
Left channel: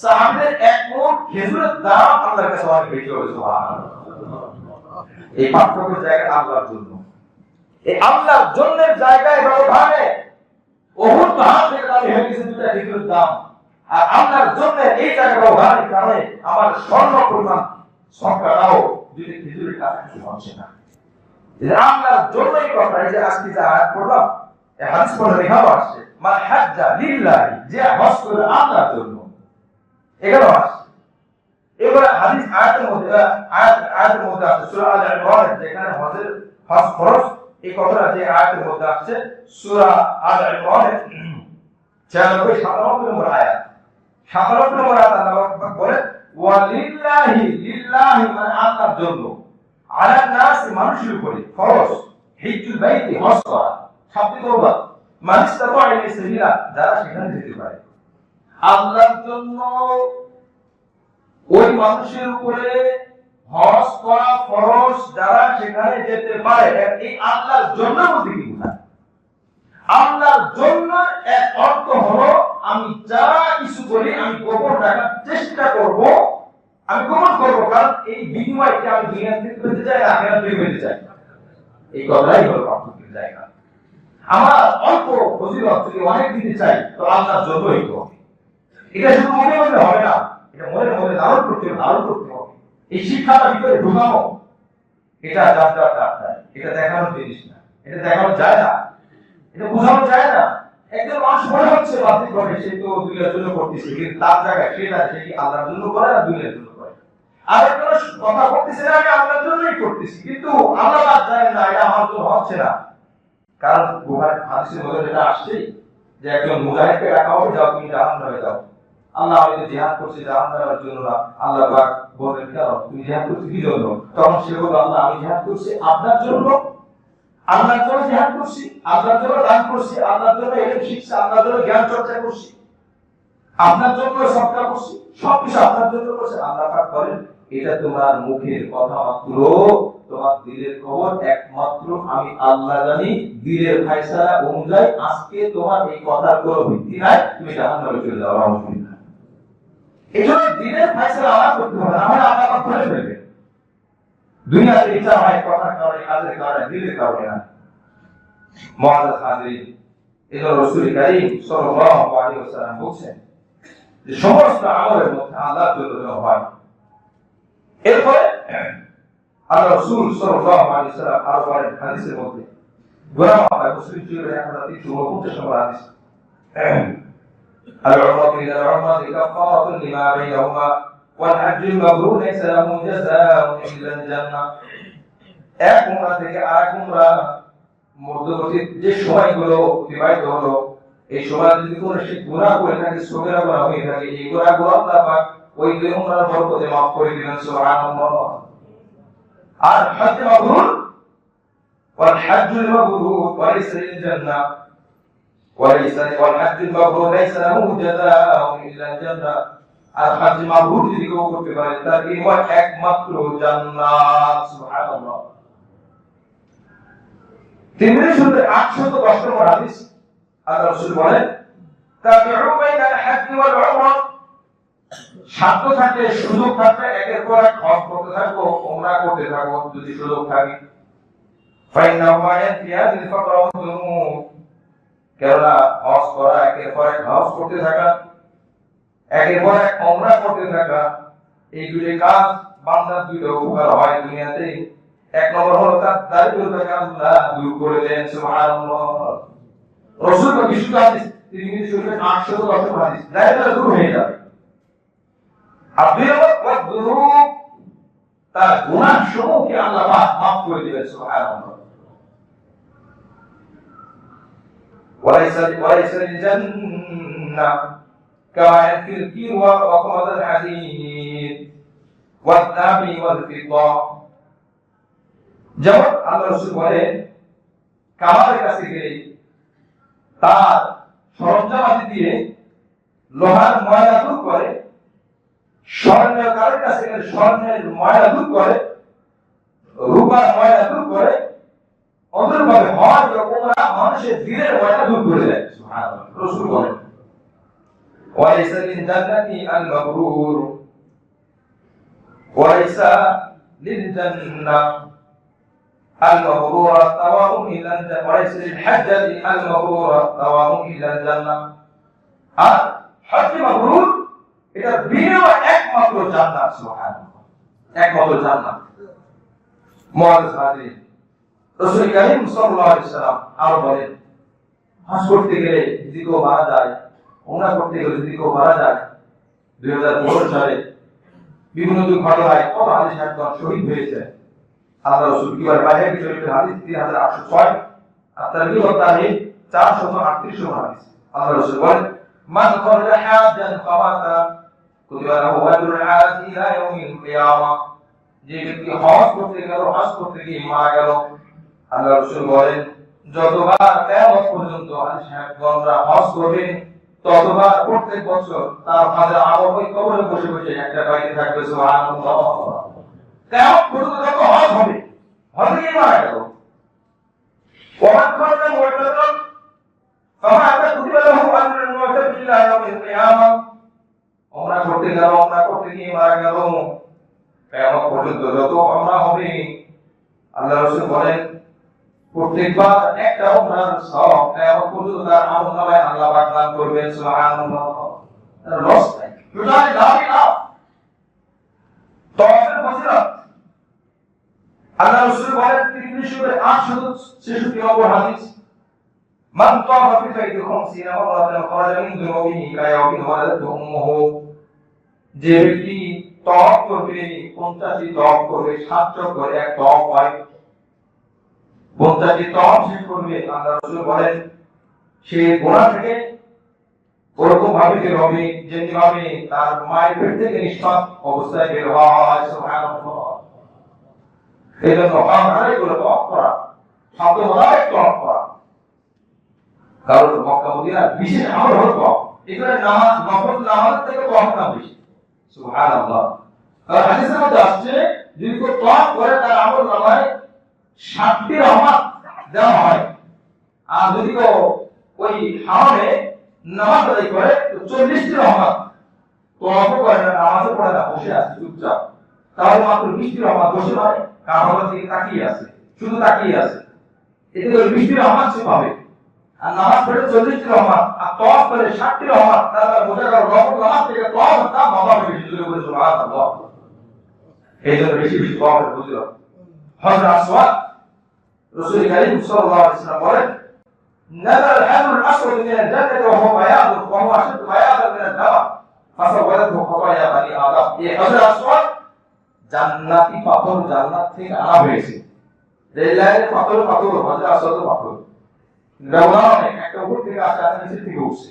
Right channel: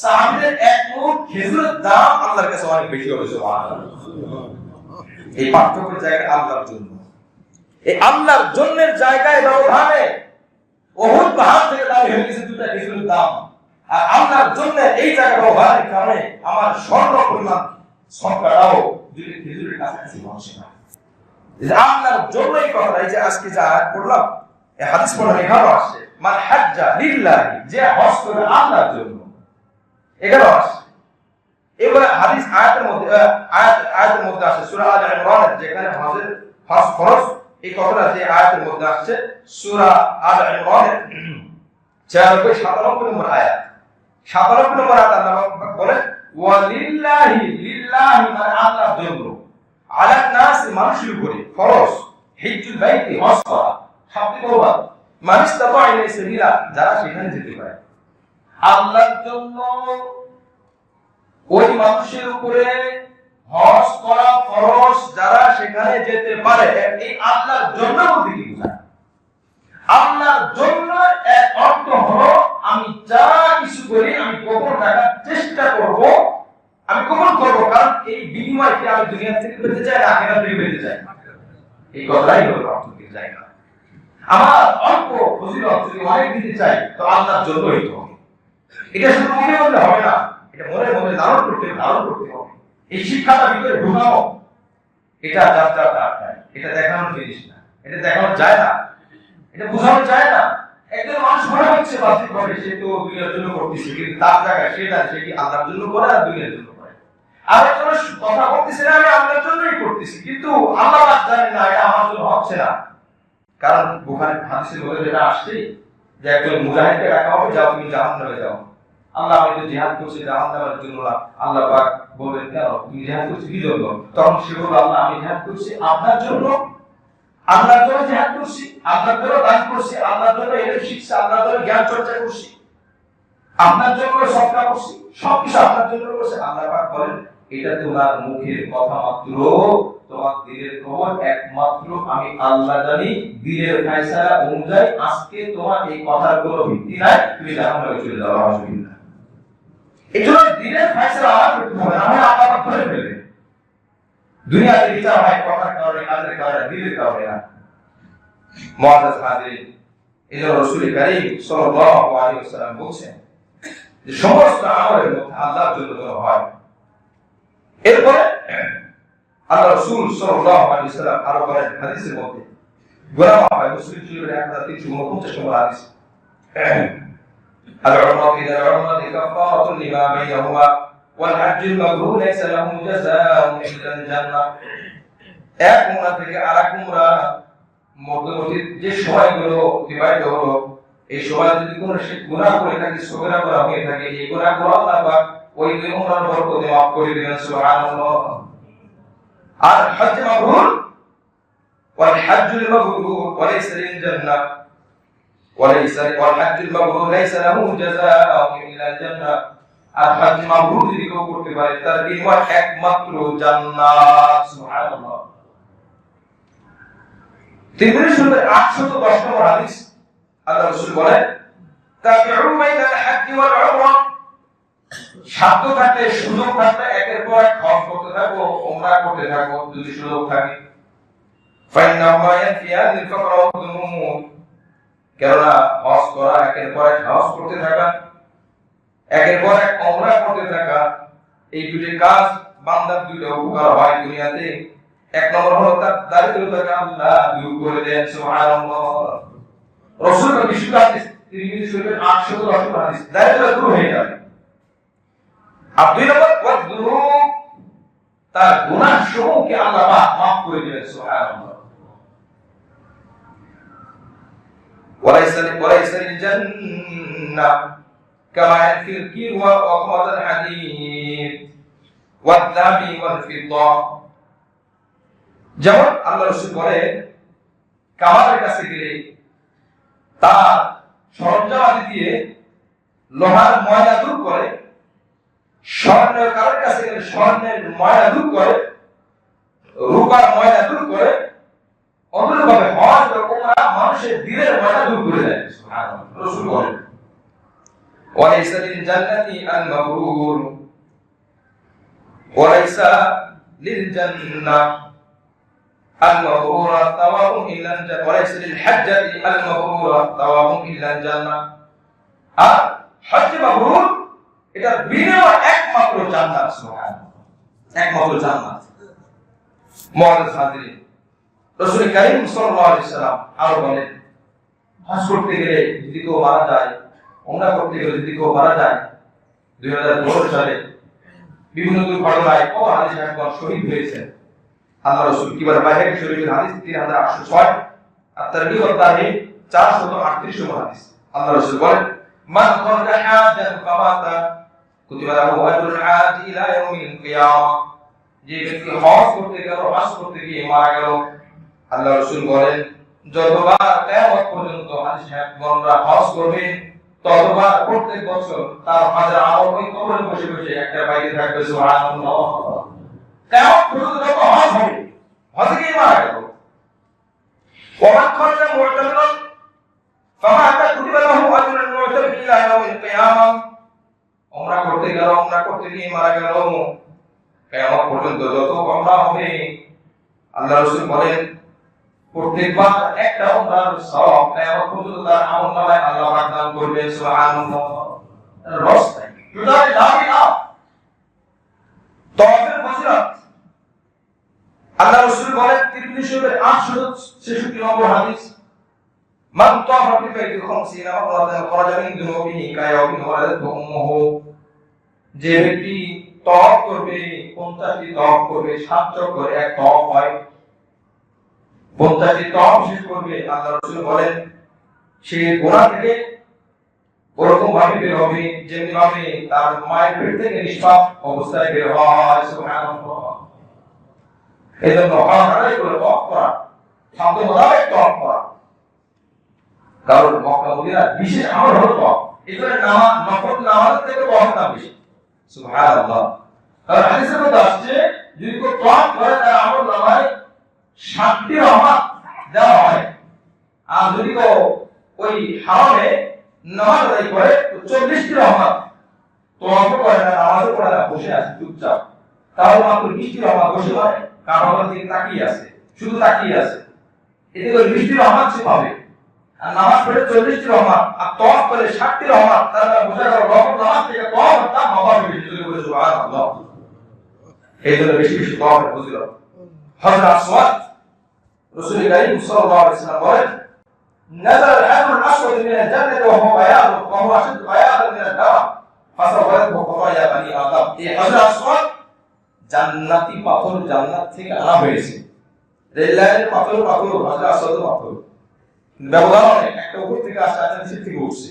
সাহাবীদের এক মুঠ খেজুরের দাম আল্লাহর কাছে অনেক বেশি হবে। সুবহানাল্লাহ। এই পার্থক্যের জায়গা আল্লাহর জন্য, এই আল্লাহর জন্যের জায়গায় ব্যবধানে উহুদ পাহাড় থেকে দাম হয়ে গেছে দুইটা খেজুরের দাম, আর আল্লাহর জন্য এই জায়গা ব্যবহারের কারণে আমার স্বর্ণ পরিমাণ সংখ্যাটাও দুইটা খেজুরের কাছাকাছি হচ্ছে না। আল্লাহর জন্য এই কথা, এই যে আজকে যা আয়াত পড়লাম, এই হাদিস পড়ে লেখাও আসছে মান হাজ্জা লিল্লাহি, যে হজ করে আল্লাহর জন্য, এখানে আসছে। এবারে হাদিস আয়াতের মধ্যে আসছে সূরা আল ইমরান, যেখানে হজ ফরজ, এই কথাটা যে আয়াতের মধ্যে আসছে সূরা আল ইমরান 96-97 নম্বর আয়াত। 97 নম্বর আয়াত আল্লাহ পাক বলেন ওয়ালিল্লাহি, লিল্লাহি মানে আল্লাহর জন্য, আলান নাস মানুষের উপরে ফরজ, হিজ্জুল বাইতি হজ করা, শাব্দিক অনুবাদ মান ইসতাতা ইলাইহি সাবিলা, যারা সেখানে যেতে পারে। আল্লাহর জন্য ওই মানুষের উপরে হজ করা ফরজ, যারা সেখানে যেতে পারে। এই আল্লাহর জন্য বলতে কি বোঝায়? আল্লাহর জন্য এক অর্থ হলো আমি যা কিছু করি আমি গোপন রাখার চেষ্টা করব, আমি গোপন করব, কারণ এই বিনিময়কে আমি দুনিয়া থেকে পেতে চাই, আখিরাত থেকে পেতে চাই। এই কথাই হলো পার্থক্যের জায়গা। আমার অল্প ফজিলত যদি অনেক দিতে চাই তো আল্লাহর জন্যই তো হবে। এটা শুধু মুখে বললে হবে না, এটা মনে মনে ধারণ করতে হবে। এই শিক্ষাটা ভিতরে ঢুকানো, এটা যাত্রাটা এটা দেখানোর জিনিস না, এটা দেখানো যায় না, এটা বোঝানো যায় না। একজন মানুষ মনে হচ্ছে বাতিল করে সে তো দুনিয়ার জন্য করতেছে, কিন্তু তার জায়গায় সে কি আল্লাহর জন্য করে আর দুনিয়ার জন্য করে? আর একজন কথা বলতেছে আমি আল্লাহর জন্যই করতেছি, কিন্তু আল্লাহ জানেন না এটা আমার জন্য হচ্ছে না। কারণ বুখারী হাদিসের মধ্যে এটা আসছে যে একজন মুজাহিদকে ডাকা হবে, যাও তুমি জাহান্নামে যাও। আল্লাহ হয়তো জিহাদ করছে জাহান্নামের জন্য না। আল্লাহ পাক বলেন কেন তুমি জিহাদ করছো কি জন্য? তখন সে বলল আল্লাহ আমি জিহাদ করছি আপনার জন্য, আল্লাহর জন্য জিহাদ করছি, আল্লাহর জন্য দান করছি, আল্লাহর জন্য এলেম শিখছি, আল্লাহর জন্য জ্ঞান চর্চা করছি, আপনার জন্য সৎকার করছি, সবকিছু আপনার জন্য করছি। আল্লাহ পাক বলেন এটা তোমার মুখের কথা মাত্র, তোমার দিলের খবর একমাত্র আমি আল্লাহ জানি। দিলের ফয়সালা অনুযায়ী আজকে তোমার এই কথার কোনো ভিত্তি নাই, তুমি জাহান্নামে চলে যাও। আলহামদুলিল্লাহ। এজন্য দিলের ফয়সালা আমার করতে হবে, না হয় আল্লাহ পাক করে ফেলবে। দুনিয়াতে বিচার হয় কথার কারণে, কাজের কারণে, দিলের কারণে না। মুআজ্জাজ হাজিরিন, এজন্য রাসূল কারীম সাল্লাল্লাহু আলাইহি ওয়াসাল্লাম বলেন যে সমস্ত আমলের মধ্যে আল্লাহর জন্য হয়। এরপরে আল্লাহ রাসূল সাল্লাল্লাহু আলাইহি ওয়াসাল্লাম আরো বলেন হাদিসের মধ্যে, গোলাম হয় মুসলিম শরীফের 1349 নম্বর হাদিস, العمرة إلى العمرة كفارة لما بينهما والحج المبرور ليس له جزاء إلا الجنة। এক উমরা থেকে আরেক উমরা মধ্যবর্তী যে সময়গুলো অতিবাহিত হলো, এই সময় যদি কোনো সে গুনাহ করে থাকে, সগীরা গুনাহ হয়ে থাকে, এই গুনাহগুলো আল্লাহ পাক ওই দুই উমরার বরকতে মাফ করে দিবেন। সুবহানাল্লাহ। আর হজ মাবরুর ওয়াল হজ্জুল মাবরুর ওয়ালাইসা লিল জান্নাহ والحج المبرور ليس له جزاء إلا الجنة। আর হজ মাবরুর যদি কেউ করতে পারে তার বিনিময় একমাত্র জান্নাত। সুবহানাল্লাহ। তিরমিজি শরীফের 810 নম্বর হাদিস, আল্লাহ রাসূল বলেন তাবিউ বাইনাল হজ্জ ওয়াল উমরা, সাধ্য থাকলে সুযোগ থাকলে একের পর এক হজ করতে থাকো, ওমরা করতে থাকো যদি সুযোগ থাকে। ফাইন্নাহুমা ইয়ানফিয়ানিল ফাকরা ওয়াদ দুনুব, কেননা হজ করা, একের পর এক হজ করতে থাকা, একের পর এক ওমরা করতে থাকা, এই দুটো কাজ বান্দার দুটো উপকার হয় দুনিয়াতে। এক নম্বর হলো তার দারিদ্রতাকে আল্লাহ দূর করে দেন, সুবহানাল্লাহ। রাসূলুল্লাহ বিশুদ্ধ হাদিস তিরমিজি শরীফের 810 হাদিস, দারিদ্রতা দূর হয়ে যাবে। আর দুই নম্বর ওয়াদ দুনুব, তার গুনাহ সমূহকে আল্লাহ পাক মাফ করে দিবেন, সুবহানাল্লাহ। ওয়ালাইসা লিল জান্নাহ কামা ইয়ানফিল কির ওয়া খামাদাল হাদীদ ওয়াদ যাহাবি ওয়াল ফিদ্দা, যেমন আল্লাহ রাসূল বলেন কামারের কাছে গেলে তার সরঞ্জামাদি দিয়ে লোহার ময়লা দূর করে, স্বর্ণকারের কাছে গেলে স্বর্ণের ময়লা দূর করে, রূপার ময়লা দূর করে, অনুরূপভাবে হজ ও উমরা মানুষের দিলের ময়লা দূর করে দেয়, সুবহানাল্লাহ। রাসূল বলেন ওয়ালাইসা লিল জান্নাতি আল মাবরুর, ওয়ালাইসা লিল জান্নাহ আল মাবরুরা তাওয়াবুন ইলা আল জান্নাহ, ওয়ালাইসা লিল হাজ্জাতি আল মাবরুরা তাওয়াবুন ইলা আল জান্নাহ। আর হজ মাবরুর এটা বিনিময় একমাত্র জান্নাত, সুবহানাল্লাহ, একমাত্র জান্নাত। মুআজ্জিজ হাজিরিন, রাসূল কারীম সাল্লাল্লাহু আলাইহি সাল্লাম আর বলেন হজ করতে গেলে যদি কেউ মারা যায়, ওমরা করতে গেলে যদি কেউ মারা যায়, 2015 সালে বিভিন্ন দুর্ঘটনায় কত হাদিস একদম শহীদ হয়েছে। আল্লাহ রাসূল কিবার বাহির শরীফের হাদিস 3806, আর তারগীব ও তারহিব 438 নম্বর হাদিস। আল্লাহ রাসূল বলেন মান খারাজা হাজ্জান ফামাতা কুতিবা লাহু আজরুল হাজ ইলা ইয়াউমিল কিয়ামা, যে ব্যক্তি হজ করতে গেল, হজ করতে গিয়ে মারা গেল, আল্লাহ রাসূল বলেন যতবার কিয়ামত পর্যন্ত হাজি সাহেবগণরা হজ করবেন ততবার প্রত্যেক বছর তার হজের আমল ওই কবরে বসে বসে একটা পাইতে থাকবে, সুবহানাল্লাহ। কিয়ামত পর্যন্ত যত হজ হবে, হজে গিয়ে মারা গেল, ওমান খারাজা মুতামিরান ফামাতা কুতিবা লাহু আজরুল মুতামির ইলা ইয়াউমিল কিয়ামা, ওমরা করতে গেল, ওমরা করতে গিয়ে মারা গেল, কিয়ামত পর্যন্ত যত ওমরা হবে, আল্লাহ রাসূল বলেন প্রত্যেকবার একটা ওমরার সওয়াব কিয়ামত পর্যন্ত তার আমলনামায় আল্লাহ পাক দান করবেন, সুবহানাল্লাহ। রস নাই টোটাল লাভ তাওয়াফের ফজিলত আল্লাহ রাসূল বলেন তিরমিজি শরীফের 866 নম্বর হাদিস, মান তাওয়াফা ফি বাইতি 50 মাররাতান খারাজা মিন দুনুবিহি কায়াউমিন ওয়ালাদাতহু উম্মুহু, যে ব্যক্তি তাওয়াফ করবে 50টি তাওয়াফ করবে, 7 চক্কর এক তাওয়াফ হয়, 50টি তাওয়াফ শেষ করবে, আল্লাহ রাসূল বলেন সে গুনাহ থেকে ওরকম ভাবে বের হবে যেমনি ভাবে তার মায়ের পেট থেকে নিষ্পাপ অবস্থায় বের হয়, সুবহানাল্লাহ। এজন্য আল্লাহই বলে তাওয়াফ করা, শব্দ মোতাবেক তাওয়াফ করা, কারণ মক্কা মদিনার বিশেষ আমল হলো তাওয়াফ। এখানে নামাজ, নফল নামাজের থেকে তাওয়াফের দাম বেশি, সুবহানাল্লাহ। আর হাদিসের মধ্যে আসছে যদি কেউ তাওয়াফ করে তার আমল নামায় 60টি রহমত দেওয়া হয়, আর যদি কেউ ওই হারামে নামাজ আদায় করে তো 40টি রহমত, তাওয়াফ করে না, নামাজও পড়ে না, বসে আছে চুপচাপ, তাও মাত্র 20টি রহমত বসে পড়ে, কারণ দিকে তাকিয়ে আছে, শুধু তাকিয়ে আছে, এতে করে 20টি রহমত সে পাবে। আর নামাজ পড়ে 40টি রহমত, আর তাওয়াফ করে 60টি রহমত, তাহলে বোঝা গেল নফল নামাজ থেকে তাওয়াফের দাম হবে বেশি, যদি বলে সুবহানাল্লাহ। এই জন্য বেশি বেশি তাওয়াফের ফজিলত। হযরত আসওয়াদ রাসূল কারীম সাল্লাল্লাহু আলাইহি ওয়াসাল্লাম বলেন নাযাল আল-হাজরুল আসওয়াদ মিন আল-জান্নাতি ওয়া হুয়া বায়াদ ওয়া হুয়া আশাদ্দু বায়াদান মিন আল-দাম ফাসাওয়াদাতহু খাতায়া বানি আদম, এই হযরত আসওয়াদ জান্নাতি পাথর, জান্নাত থেকে আনা হয়েছে, রেলের পাথর, পাথর হযরত আসওয়াদের পাথর ব্যবধান অনেক, একটা উপর থেকে আসে আর নিচে থেকে উঠছে।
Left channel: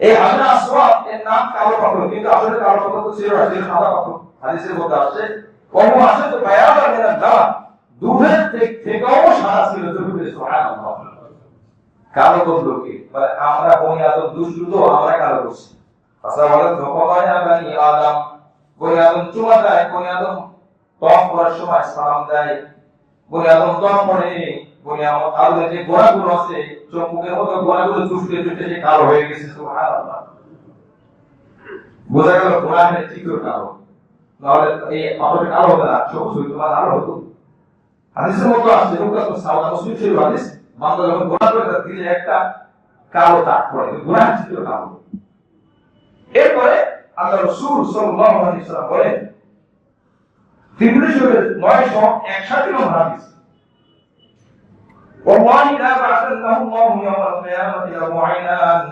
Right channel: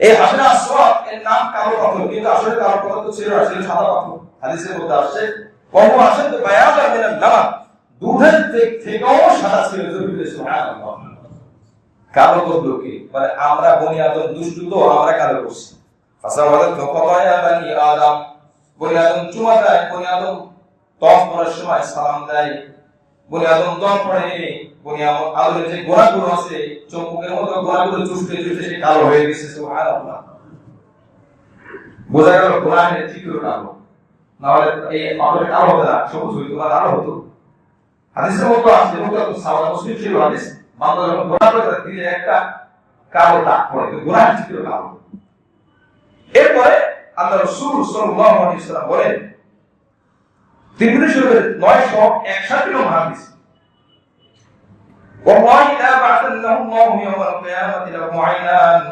এই হযরত আসওয়াদ এর নাম কালো পাথর, কিন্তু আসলে কালো পাথর তো ছিল না, ছিল সাদা পাথর। হাদিসের মধ্যে আসছে ওয়া হুয়া আশাদ্দু বায়াদান মিন আল-দাম, দুধের থেকেও সাদা ছিল, সুবহানাল্লাহ। কালো করলো কি, মানে আমরা বনি আদম দুষ্টু, তো আমরা কালো করছি। ফাসাওয়াদাতহু খাতায়া বানি আদম, বনি আদম চুমা দেয়, বনি আদম তাওয়াফ করার সময় সালাম দেয়, বনি আদম দম পড়ে, বনি আদমের যে গোনাগুলো আছে চোখের মতো গোনাগুলো চুষতে চুষতে সে কালো হয়ে গেছে, সুবহানাল্লাহ। বোঝা গেল কোরআনের চিত্র কালো, নাহলে এই পাথরের কালো হতো না, সবুজ হইতো না, আলো হতো। হাদিসের মতো আছে, সাওয়া মুসলিম শরীফ হাদিস, বান্দা যখন গোনা করে তার দিলে একটা কালো দাগ পড়ে, কোরআনের চিত্র কালো। এরপরে আল্লাহ রাসূল সাল্লাল্লাহু আলাইহি ওয়াসাল্লাম বলেন, তিরমিজি শরীফের 961 নম্বর হাদিস, والله لا بعثنه الله يوم القيامة له عينان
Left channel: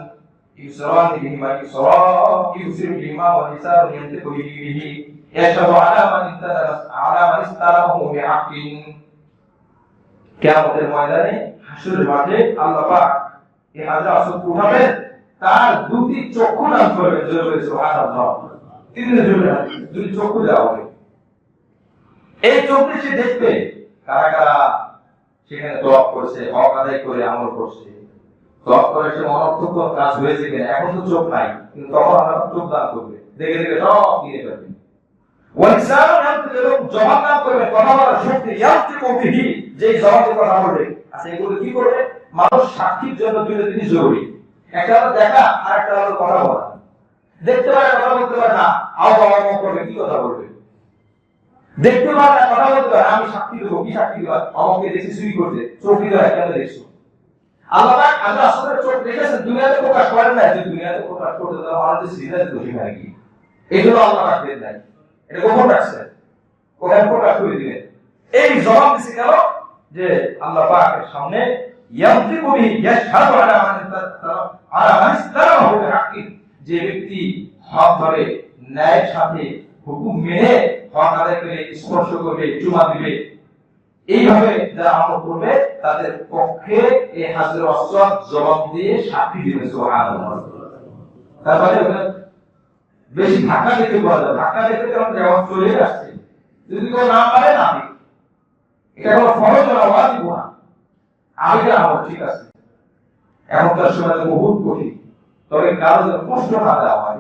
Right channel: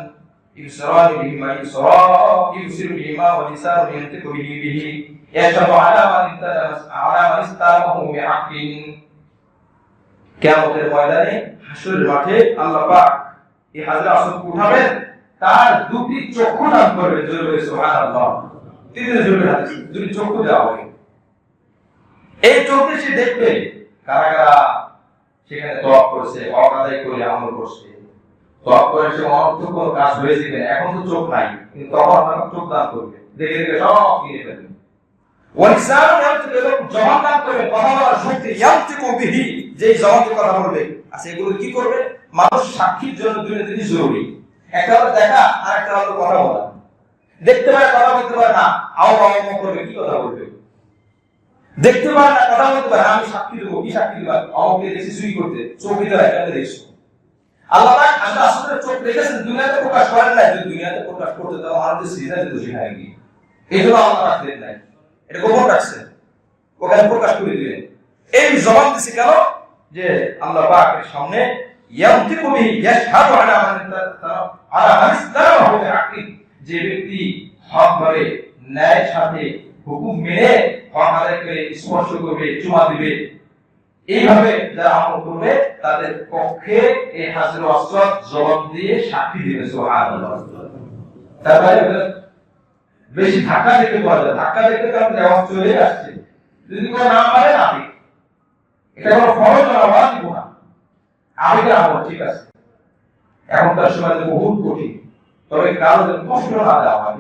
يبصران بهما يبصر بهما ولسان ينطق به يشهد على من استلمه بحق। কিয়ামতের ময়দানে হাসরের মাঠে আল্লাহ পাক এই হাজরা আসওয়াদকে উঠাবেন, তার দুটি চক্ষু দান করবেন। জোরে সুবহানাল্লাহ। তিনটি দুটি চক্ষু দেওয়া হবে। এই চোখে সে দেখবে কারা কারা সেখানে তওয়াব করেছে, হক আদায় করে আমল করছে। তওয়াব করে সে অনর্থক কোন কাজ হয়েছে কিনা, এখন তো চোখ নাই, কিন্তু তখন আপনার চোখ দান করবে, দেখে দেখে সব কিনে ফেলবে। ওয়ালিসানু ইয়ানতিকু, জবান দান করবে, কথা বলার শক্তি, ইয়ানতিকু বিহি, যেই জবান দিয়ে কথা বলবে। আচ্ছা, এগুলো কি করবে? মানুষ সাক্ষীর জন্য দুটো জিনিস জরুরি, একটা হলো দেখা আর একটা হলো কথা বলা। দেখতে পারে, কথা বলতে পারে না, আও বাবা করবে, কি কথা বলবে? দেখতে পারে না, কথা বলতে পারে, আমি সাক্ষী দেবো, কি সাক্ষী দেবো? আমাকে দেখি চুরি করতে, চোখ দিতে হয়, কেন দেখছো? আল্লাহ পাক আমরা আসলে চোখ দেখেছেন, দুনিয়াতে প্রকাশ করেন না। যদি দুনিয়াতে প্রকাশ করতে তাহলে আমাদের সিজনে দোষী হয় কি? এই জন্য আল্লাহ পাক দেন নাই, এটা গোপন রাখছেন, ওখানে প্রকাশ করে দিলেন। এই জবাব দিছি কেন? যে আল্লাহ পাকের সামনে ইয়ামতিকু বিহি ইয়াশহাদু আলা মান ইসতালামাহু বিহাক্কি, যে ব্যক্তি হক ভাবে ন্যায়ের সাথে হুকুম মেনে হক আদায় করে স্পর্শ করবে, চুমা দিবে, এইভাবে যারা আমল করবে তাদের পক্ষে এই হাজরে আসওয়াদ জবাব দিয়ে সাক্ষী দিবে। সুবহানাল্লাহ। তারপরে বেশি ধাক্কা দেখে বলা যায়, ধাক্কা দেখে যখন জবাব চলে আসছে, যদি কোনো নাম পারে না, এটা কোনো ফরজ না, ওয়াজিব না, আবেগের আমল, ঠিক আছে। এখনকার সময় তো বহুত কঠিন, তবে কারো যেন কষ্ট না দেওয়া হয়।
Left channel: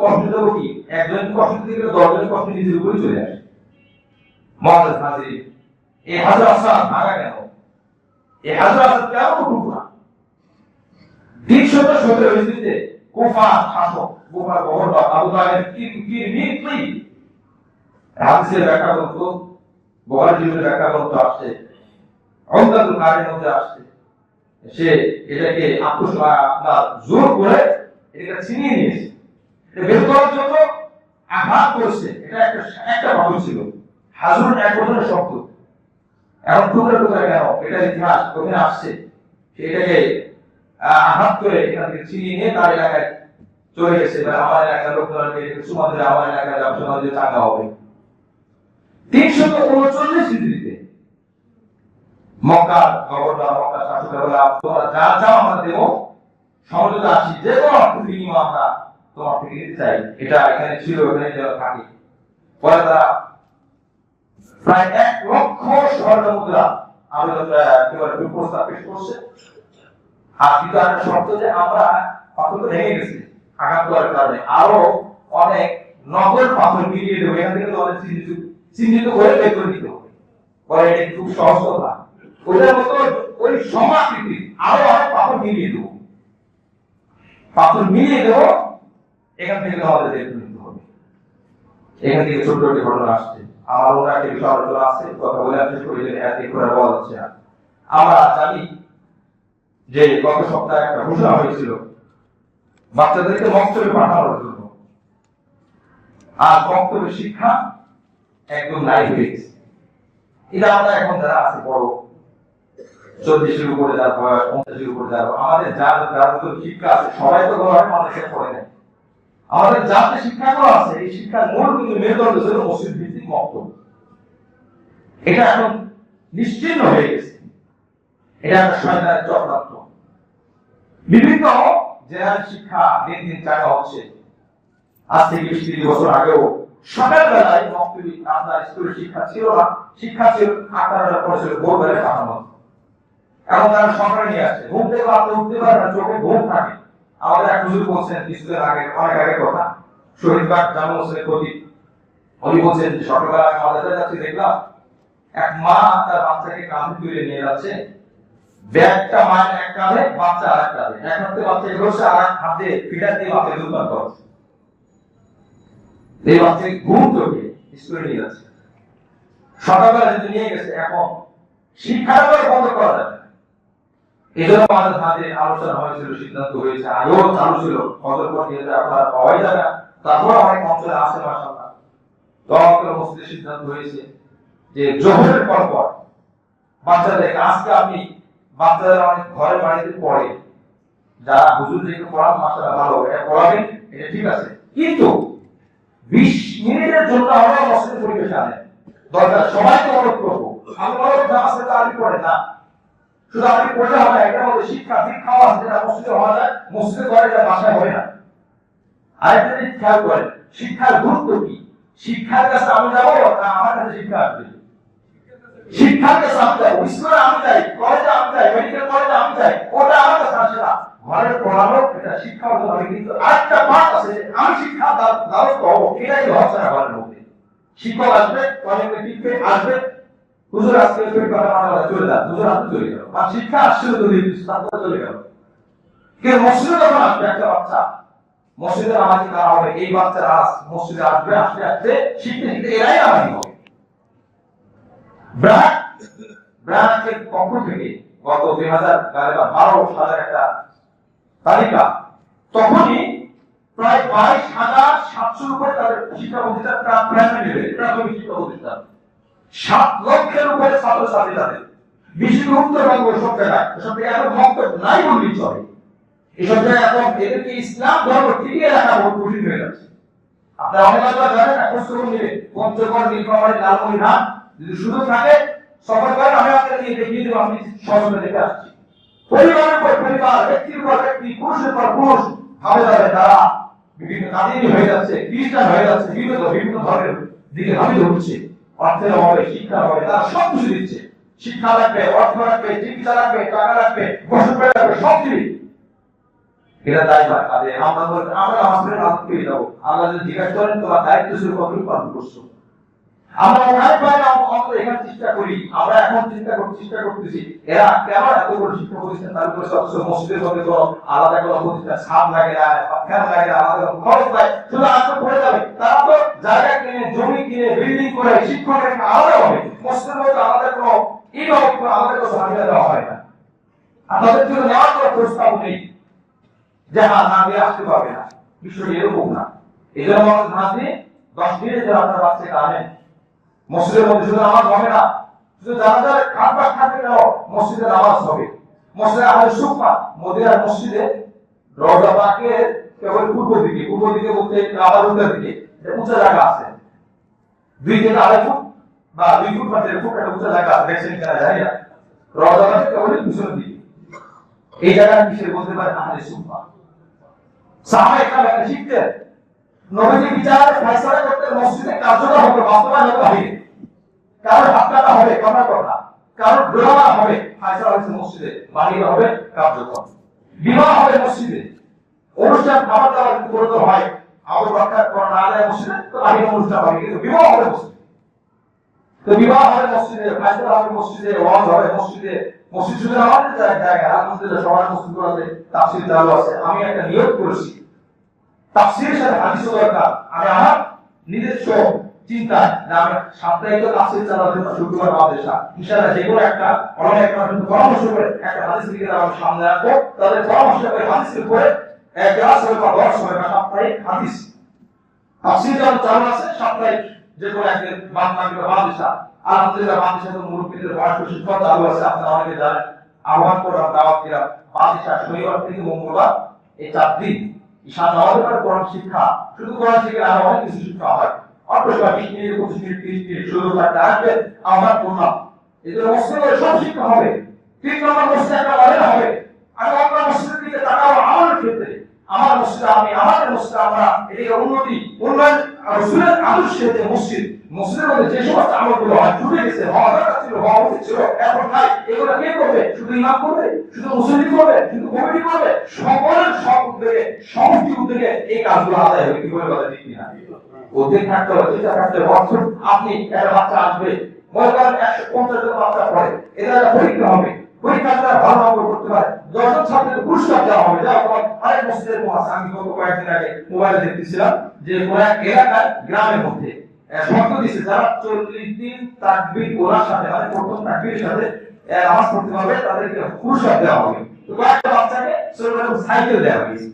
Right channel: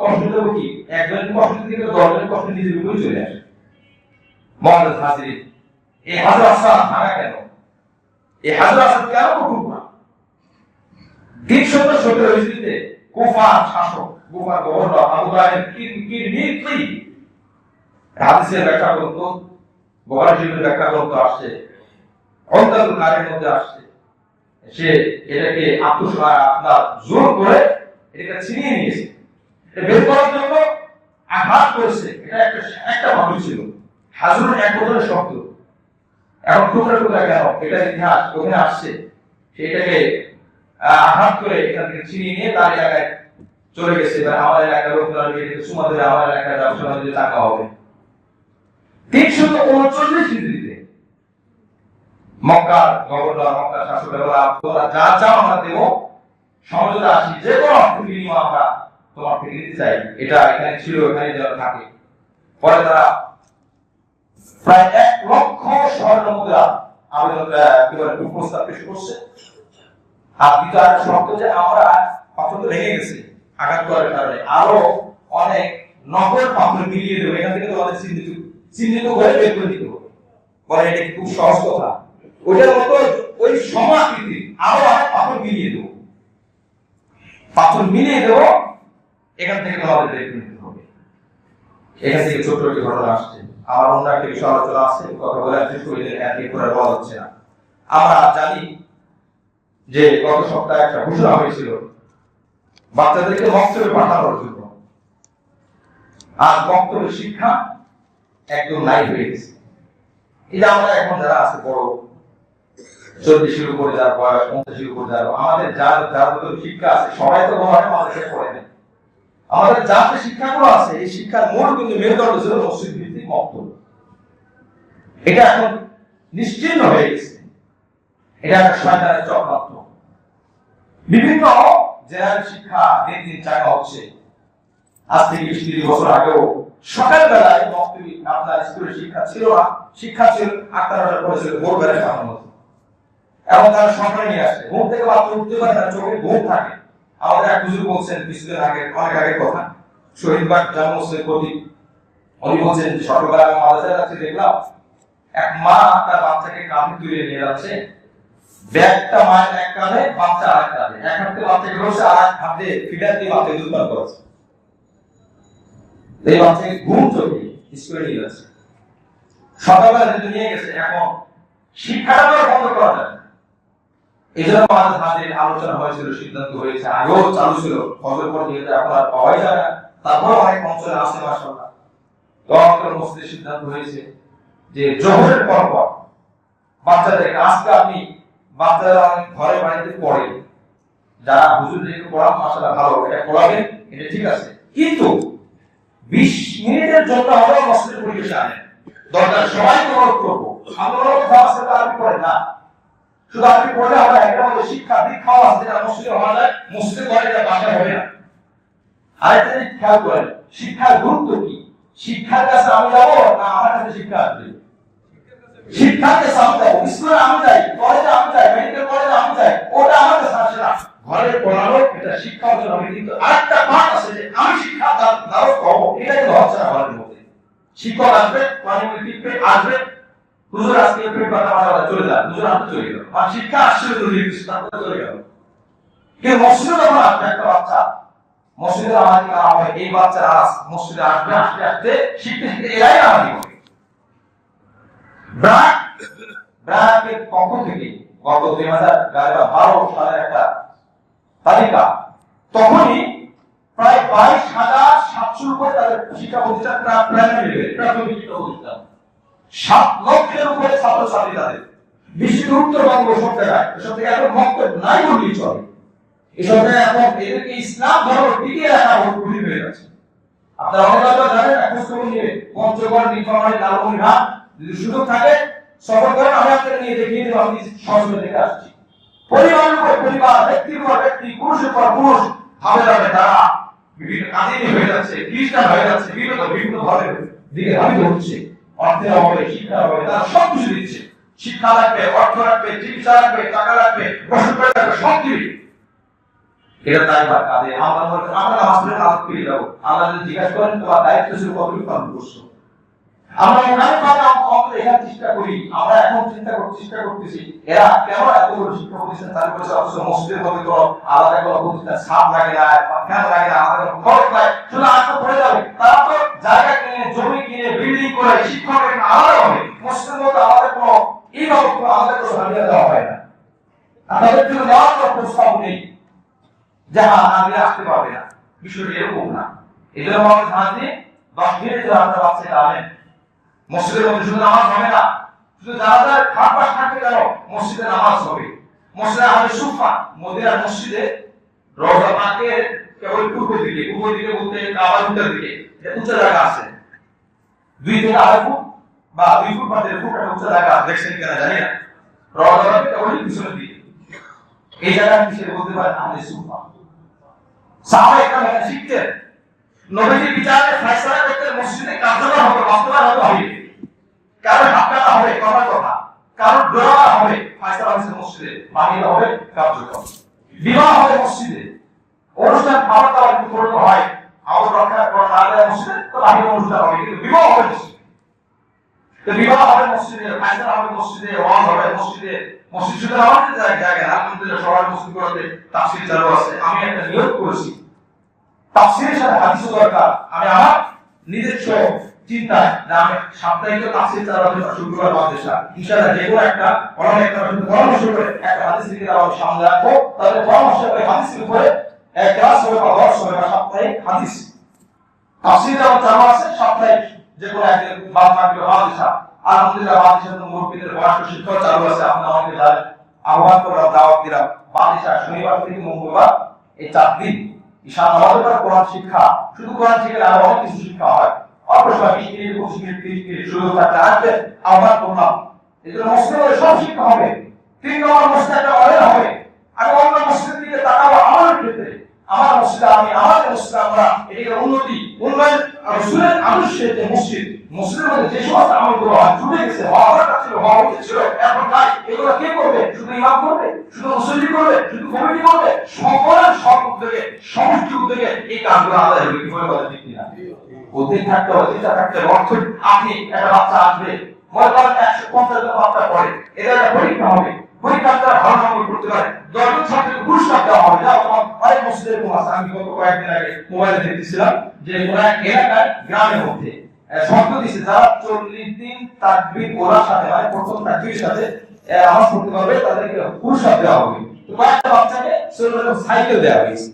কষ্ট দেবো কি, একজনের কষ্ট দিলে 10 জনের কষ্ট নিজের উপরে চলে আসে। মুআজ্জাজ হাজির, এই হাজরা আসওয়াদ ভাঙা কেন? এই হাজরা আসওয়াদ কেন কঠোর না? 317 হিজরিতে কুফার শাসক, কুফার গভর্নর আবু তাহের কিরমিতি হাদিসের ব্যাখ্যা গ্রন্থ, বুখারী শরীফের ব্যাখ্যা গ্রন্থ আসছে, উমদাতুল কারীর মধ্যে আসছে, সে এটাকে আপনার জোর করে এটা ছিনিয়ে নিয়েছে, বের করার জন্য আঘাত করেছে। এটা একটা ভালো ছিল, হাজুর এক বছরের শব্দ, এখন টুকরা টুকরা কেন? এটার ইতিহাস ওখানে আসছে, সেটাকে আঘাত করে এখান থেকে ছিনিয়ে নিয়ে তার এলাকায় চলে গেছে। আমার এলাকার লোকরা এটাকে সুমা ধরে আমার এলাকায় ব্যবসা বাণিজ্য টাকা হবে। 339 হিজরিতে মক্কার গভর্নর, মক্কার শাসক বলা, তোমরা যা চাও আমরা দেব, সমঝোতা আসি, যে কোনো অর্থ বিনিময় আমরা তোমার থেকে নিতে চাই। এটা এখানে ছিল, এখানে যেন থাকে। পরে তারা প্রায় 1 লক্ষ স্বর্ণ মুদ্রা আবেদন প্রস্তাব পেশ করছে। আর দ্বিতীয় একটা শর্ত যে আমরা পাথর তো ভেঙে গেছি আঘাত করার কারণে, আরো অনেক নকল পাথর মিলিয়ে দেবো, এখান থেকে তোমাদের চিহ্নিত করে বের করে দিতে হবে। বলে এটা খুব সহজ কথা, ওইটার মতো ওই সমাকৃতি আরো অনেক পাথর মিলিয়ে দেবো, এখান থেকে তোমাদের বের করে দিতে হবে। এখান থেকে ছোট ছোট ঘটনা আসছে, আমার অন্য একটা বিষয় আলোচনা আছে, কথা বলে শেষ করে এক এক করে বলা হচ্ছে না। আমরা জানি যে গত সপ্তাহে একটা ঘোষণা হয়েছিল বাচ্চাদেরকে মক্তবে পাঠানোর জন্য, আর মক্তবের শিক্ষা একদম নাই হয়ে গেছে। এটা আমরা এখন যারা আছে বড় 40-এর উপরে যার বয়স, 50-এর উপরে যার, আমাদের যার শিক্ষা আছে সবাই তো বড় হয় আমাদের পড়ে নেয়। আমাদের যার যে শিক্ষাগুলো আছে, এই শিক্ষার মূল কিন্তু মেরুদণ্ড ছিল মসজিদ ভিত্তিক মক্তব। এটা এখন নিশ্চিহ্ন হয়ে গেছে, এটা একটা শয়তানের চক্রান্ত। বিভিন্ন জেনারেল শিক্ষা দিন দিন চাঙ্গা হচ্ছে। আজ থেকে 20-30 বছর আগেও সকালবেলায় মক্তবে আপনার স্কুলের শিক্ষা ছিল না, শিক্ষা ছিল 8-9টার পরে ছিল ভোরবেলা পাঠানো হতো। এখন তারা সকালে নিয়ে আসে, ঘুম থেকে আপনি উঠতে পারেন না, চোখে ঘুম থাকে। আমাদের এক হুজুর বলছেন কিছুদিন আগে, অনেক আগের কথা, শহীদবাগ জামে মসজিদের প্রতি, উনি বলছেন সকালবেলা আমি মাদ্রাসায় যাচ্ছি, দেখলাম এক মা তার বাচ্চাকে কাঁধে তুলে নিয়ে যাচ্ছে, ব্যাগটা মায়ের এক কাঁধে, বাচ্চা আরেক কাঁধে, এক হাতে বাচ্চাকে বসে আর এক হাতে ফিডার দিয়ে বাচ্চাকে দুধ পান করাচ্ছে। এই বাচ্চাকে ঘুম চোখে স্কুলে নিয়ে যাচ্ছে, সকালবেলা যেহেতু নিয়ে গেছে, এখন শিক্ষাটা বন্ধ করা যাবে না। এই জন্য আমাদের হাতে আলোচনা হয়েছিল, সিদ্ধান্ত হয়েছে, আগেও চালু ছিল, ফজর পর যেহেতু এখন আর পাওয়াই যায় না, তারপর অনেক অঞ্চলে আসে মাশাআল্লাহ, দোয়া মসজিদের সিদ্ধান্ত হয়েছে যে জোহরের পর পর বাচ্চাদেরকে, আজকে আপনি বাচ্চারা অনেক ঘরে বাড়িতে পড়ে, যারা হুজুরদেরকে পড়ান মাশাআল্লাহ ভালো, এটা পড়াবেন, এটা ঠিক আছে, কিন্তু 20 মিনিটের জন্য আমরা মসজিদের পরিবেশে আনেন, দরকার সবাইকে অনুরোধ করবো, আমরা আছে আরবি পড়ে না, শুধু আরবি পড়লে হবে, এটার মধ্যে শিক্ষা দীক্ষাও আছে, যেটা মসজিদে হওয়া যায়, মসজিদে করে, এটা বাসায় হবে না। আরেকটা জিনিস খেয়াল করেন, শিক্ষার গুরুত্ব কি? শিক্ষার কাছে আমি যাবো না আমার কাছে শিক্ষা আসবে? শিক্ষার কাছে আমি যাবো, স্কুলে আমি যাই, কলেজে আমি যাই, মেডিকেল কলেজে আমি যাই, ওটা আমার কাছে আসে না। ঘরে পড়ানো এটা শিক্ষা অর্জন হবে, কিন্তু আরেকটা পাঠ আছে যে আমি শিক্ষা দ্বারস্থ হবো, এটা কিন্তু হচ্ছে না ঘরের মধ্যে। শিক্ষক আসবে, অনেক টিপে আসবে, হুজুর আজকে তুমি কথা মাথা চলে যান, হুজুর আপনি চলে গেল, আর শিক্ষা আসছিল তো তারপরে চলে গেল। কিন্তু মসজিদে যখন আসবে একটা বাচ্চা, মসজিদে আমাদের কারা হবে, এই বাচ্চারা মসজিদে আসবে, আসতে আসতে শিখতে শিখতে এরাই আমাদের হবে। ব্র্যাকের পক্ষ থেকে গত 2012 সালের একটা তালিকা, তখনই প্রায় 22,700 উপরে তাদের শিক্ষা প্রতিষ্ঠান, প্রাইমারি লেভেল প্রাথমিক শিক্ষা প্রতিষ্ঠান, 7 লক্ষের উপরে ছাত্রছাত্রী তাদের, বিশ্বের উত্তরবঙ্গ সব জায়গায়, সব থেকে এখন মক্তব নাই বললেই চলে। এসব জায়গায় এখন এদেরকে ইসলাম ধর্ম টিকিয়ে রাখা বহুত কঠিন হয়ে যাচ্ছে। আপনারা অনেক কথা জানেন, খোঁজ খবর নিবে, পঞ্চগড়, নীলফামারী, লালমনিরহাট, যদি সুযোগ থাকে সফর করেন, আমি আপনাকে নিয়ে দেখিয়ে দেবো, আমি সহজে দেখে আসছি। পরিবারের উপর পরিবার, ব্যক্তির উপর ব্যক্তি, পুরুষের পর পুরুষ, ভাবে যাবে তারা বিভিন্ন কাদিনী হয়ে যাচ্ছে, খ্রিস্টান হয়ে যাচ্ছে, বিভিন্ন ধর্মের দিকে ধাবিত হচ্ছে। অর্থের অভাবে, শিক্ষার অভাবে তারা সব কিছু দিচ্ছে, শিক্ষা লাগবে, অর্থ লাগবে, চিকিৎসা লাগবে, টাকা লাগবে, বসত লাগবে, সব দিবি। এটা তাই বা কাজে আমরা বলতে আমরা হসপিটালে কাজ পেয়ে যাবো, আল্লাহ যদি জিজ্ঞাসা করেন তোমার দায়িত্ব ছিল কতটুকু পালন করছো। আমরা এখানে চেষ্টা করি, আমরা এখন চেষ্টা করতেছি, এরা কেন এত বড় শিক্ষা প্রতিষ্ঠান চালু করেছে, অথচ মসজিদের মধ্যে কোনো আলাদা কোনো প্রতিষ্ঠান ছাদ লাগে না, ফ্যান লাগে না, আলাদা কোনো খরচ নাই, শুধু আজকে পড়ে যাবে। তারা তো জায়গা কিনে, জমি কিনে, বিল্ডিং করে, শিক্ষক আলাদা হবে, মসজিদের মধ্যে আলাদা কোনো আলাদা কোনো জায়গা দেওয়া হয় না। আর তাদের জন্য নেওয়ার কোনো প্রস্তাব নেই যে হ্যাঁ না দিয়ে আসতে পারবে না, বিষয়টি এরকম না। এই জন্য আমাদের ধান দিয়ে 10 মিনিট যারা আপনার বাচ্চাটা আনেন, মসজিদের মধ্যে শুধু নামাজ হবে না, শুধু যারা খাটবাস থাকবে কেন, মসজিদে নামাজ হবে। মসজিদে আমাদের সুফা, মদিনার মসজিদে রওজা পাকের কেবল পূর্ব দিকে বলতে কাবার উত্তর দিকে উঁচা জায়গা আছে, 2 থেকে 2.5 ফুট বা 2 ফুট বা 1.5 ফুট একটা উঁচা জায়গা দেখছেন কিনা জানি না, রওজা পাকের কেবল পিছনের দিকে, এই জায়গা কিসের বলতে পারে আমাদের সুফা। সাহাবা একরাম এখানে শিখতেন, নবীজি বিচারে ফয়সালা করতে মসজিদে কার্যকর হবে, বাস্তবায়ন হবে, কারো হাতকাটা হবে, কথার কথা, কারো দোয়া হবে, ফয়সালা হচ্ছে মসজিদে, বাহিরে হবে কার্যকর, বিবাহ হবে মসজিদে, অনুষ্ঠান খাবার দাবার কিন্তু করতে হয়, আবার রক্ষা করা না যায় মসজিদে, তো বাহিরে অনুষ্ঠান হবে, কিন্তু বিবাহ হবে মসজিদে। তো বিবাহ হবে মসজিদে, ফয়সালা হবে মসজিদে, ওয়াজ হবে মসজিদে, মসজিদ শুধু আমাদের জায়গায় আলহামদুলিল্লাহ সবার মসজিদগুলোতে তাফসীর চালু আছে। আমি একটা নিয়োগ করেছি, তাফসীরের সাথে হাদিসও দরকার। আমি আমার নিজস্ব চিন্তা যে আমি সাপ্তাহিক তাফসীর চালাবো শুক্রবার মাদ্রাসা, ইনশাআল্লাহ যে কোনো একটা ওলামা একরামের সাথে পরামর্শ করে একটা হাদিস লিখে আমি সামনে রাখবো, তাহলে পরামর্শ করে হাদিসের উপরে এক ক্লাস হবে বা 10 হবে বা সাপ্তাহিক হাদিস তাফসীর যেমন চালু আছে, সাপ্তাহিক যে কোনো একদিন বাদ না গেলে মাদ্রাসা, আলহামদুলিল্লাহ মাদ্রাসার মুরব্বিদের বয়স্ক শিক্ষা চালু আছে। আপনারা অনেকে জানেন, আহ্বান করে দাওয়াত দিলাম, মাদ্রাসা শনিবার থেকে মঙ্গলবার এই 4 দিন ঈশা নামাজের পরে কোরআন শিক্ষা, শুধু কোরআন শিখে আরো অনেক কিছু শিক্ষা হয়। অল্প সময় 20 মিনিট 25 মিনিট 30 মিনিট শুধু থাকতে আসবে, আহ্বান করলাম। এই জন্য মসজিদে সব শিক্ষা হবে। 3 নম্বর মসজিদে একটা অনেক হবে, আমি অন্য মসজিদের দিকে তাকাবো আমাদের ক্ষেত্রে, আমার মসজিদে আমি, আমাদের মসজিদে আমরা, এটাকে উন্নতি উন্নয়ন রাসূলের আদর্শের যে মসজিদের মধ্যে যে সমস্ত আমলগুলো হয় জুড়ে গেছে, হওয়া দরকার ছিল, হওয়া উচিত ছিল, এখন নাই। এগুলো কে করবে? শুধু ইমাম করবে, শুধু মুসল্লি করবে, শুধু কমিটি করবে? সকলের সব উদ্যোগে, সমষ্টি উদ্যোগে এই কাজগুলো আদায় হবে। কি বলে কথা ঠিক কিনা? উদ্যোগ থাকতে হবে, চিন্তা থাকতে হবে। অর্থ আপনি একটা বাচ্চা আসবে, মনে করেন 150 জন বাচ্চা পড়ে, এদের একটা পরীক্ষা হবে, পরীক্ষায় তারা ভালো নম্বর করতে পারে, 10 জন ছাত্রকে পুরস্কার দেওয়া হবে। যাও তোমার অনেক মসজিদের আছে, আমি গত কয়েকদিন আগে মোবাইলে দেখতেছিলাম, যে কোন এক এলাকায় গ্রামের মধ্যে শর্ত দিছে যারা 40 দিন তাকবীর পড়ার সাথে মানে প্রথম তাকবীরের সাথে নামাজ পড়তে পারবে তাদেরকে পুরস্কার দেওয়া হবে। তো কয়েকটা বাচ্চাকে সাইকেল দেওয়া হয়েছে।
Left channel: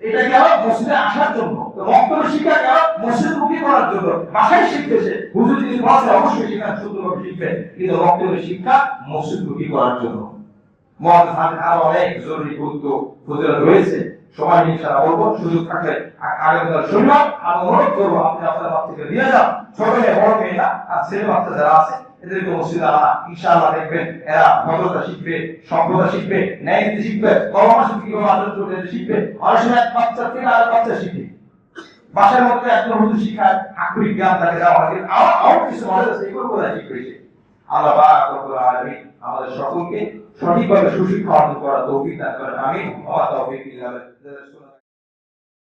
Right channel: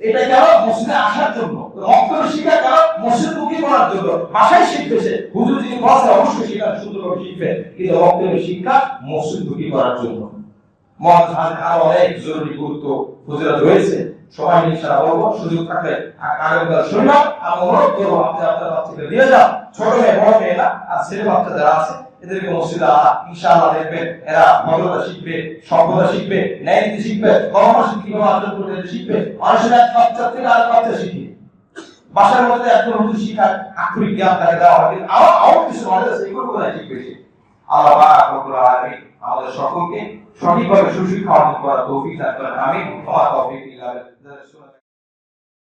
এটা কেন? মসজিদে আসার জন্য। মক্তবের শিক্ষা কেন? মসজিদমুখী করার জন্য। বাসায় শিখবে সে, হুজুর যিনি পড়াচ্ছে অবশ্যই সেখানে সুন্দরভাবে শিখবে, কিন্তু মক্তবের শিক্ষা মসজিদমুখী করার জন্য। আরো অনেক জরুরি গুরুত্ব ফজিলত রয়েছে, সময় ইনশাআল্লাহ বলবো, সুযোগ থাকলে আগামীকাল শনিবার আমি অনুরোধ করবো আপনি আপনার বাচ্চাকে নিয়ে যান, ছোট মেয়ে বড় মেয়ে না, আর ছেলে বাচ্চা যারা আছে এদেরকে মসজিদে আনা, ইনশাআল্লাহ দেখবেন এরা ভদ্রতা শিখবে, সভ্যতা শিখবে, ন্যায় নীতি শিখবে, কর্মশ কিভাবে আচরণ করতে শিখবে। অনেক সময় এক বাচ্চা থেকে আরেক বাচ্চা শিখে, বাসার মধ্যে একজন হুজুর শিখায়, আক্ষরিক জ্ঞান তাকে দেওয়া হয়, আরো কিছু নলেজ আছে, এগুলো কোথায় শিখবে সে? আল্লাহ পাক রব্বুল আলামিন আমাদের সকলকে সঠিকভাবে সুশিক্ষা অর্জন করার তৌফিক দান করেন। আমিন। ওয়া তাওফিক ইল্লা বিল্লাহ।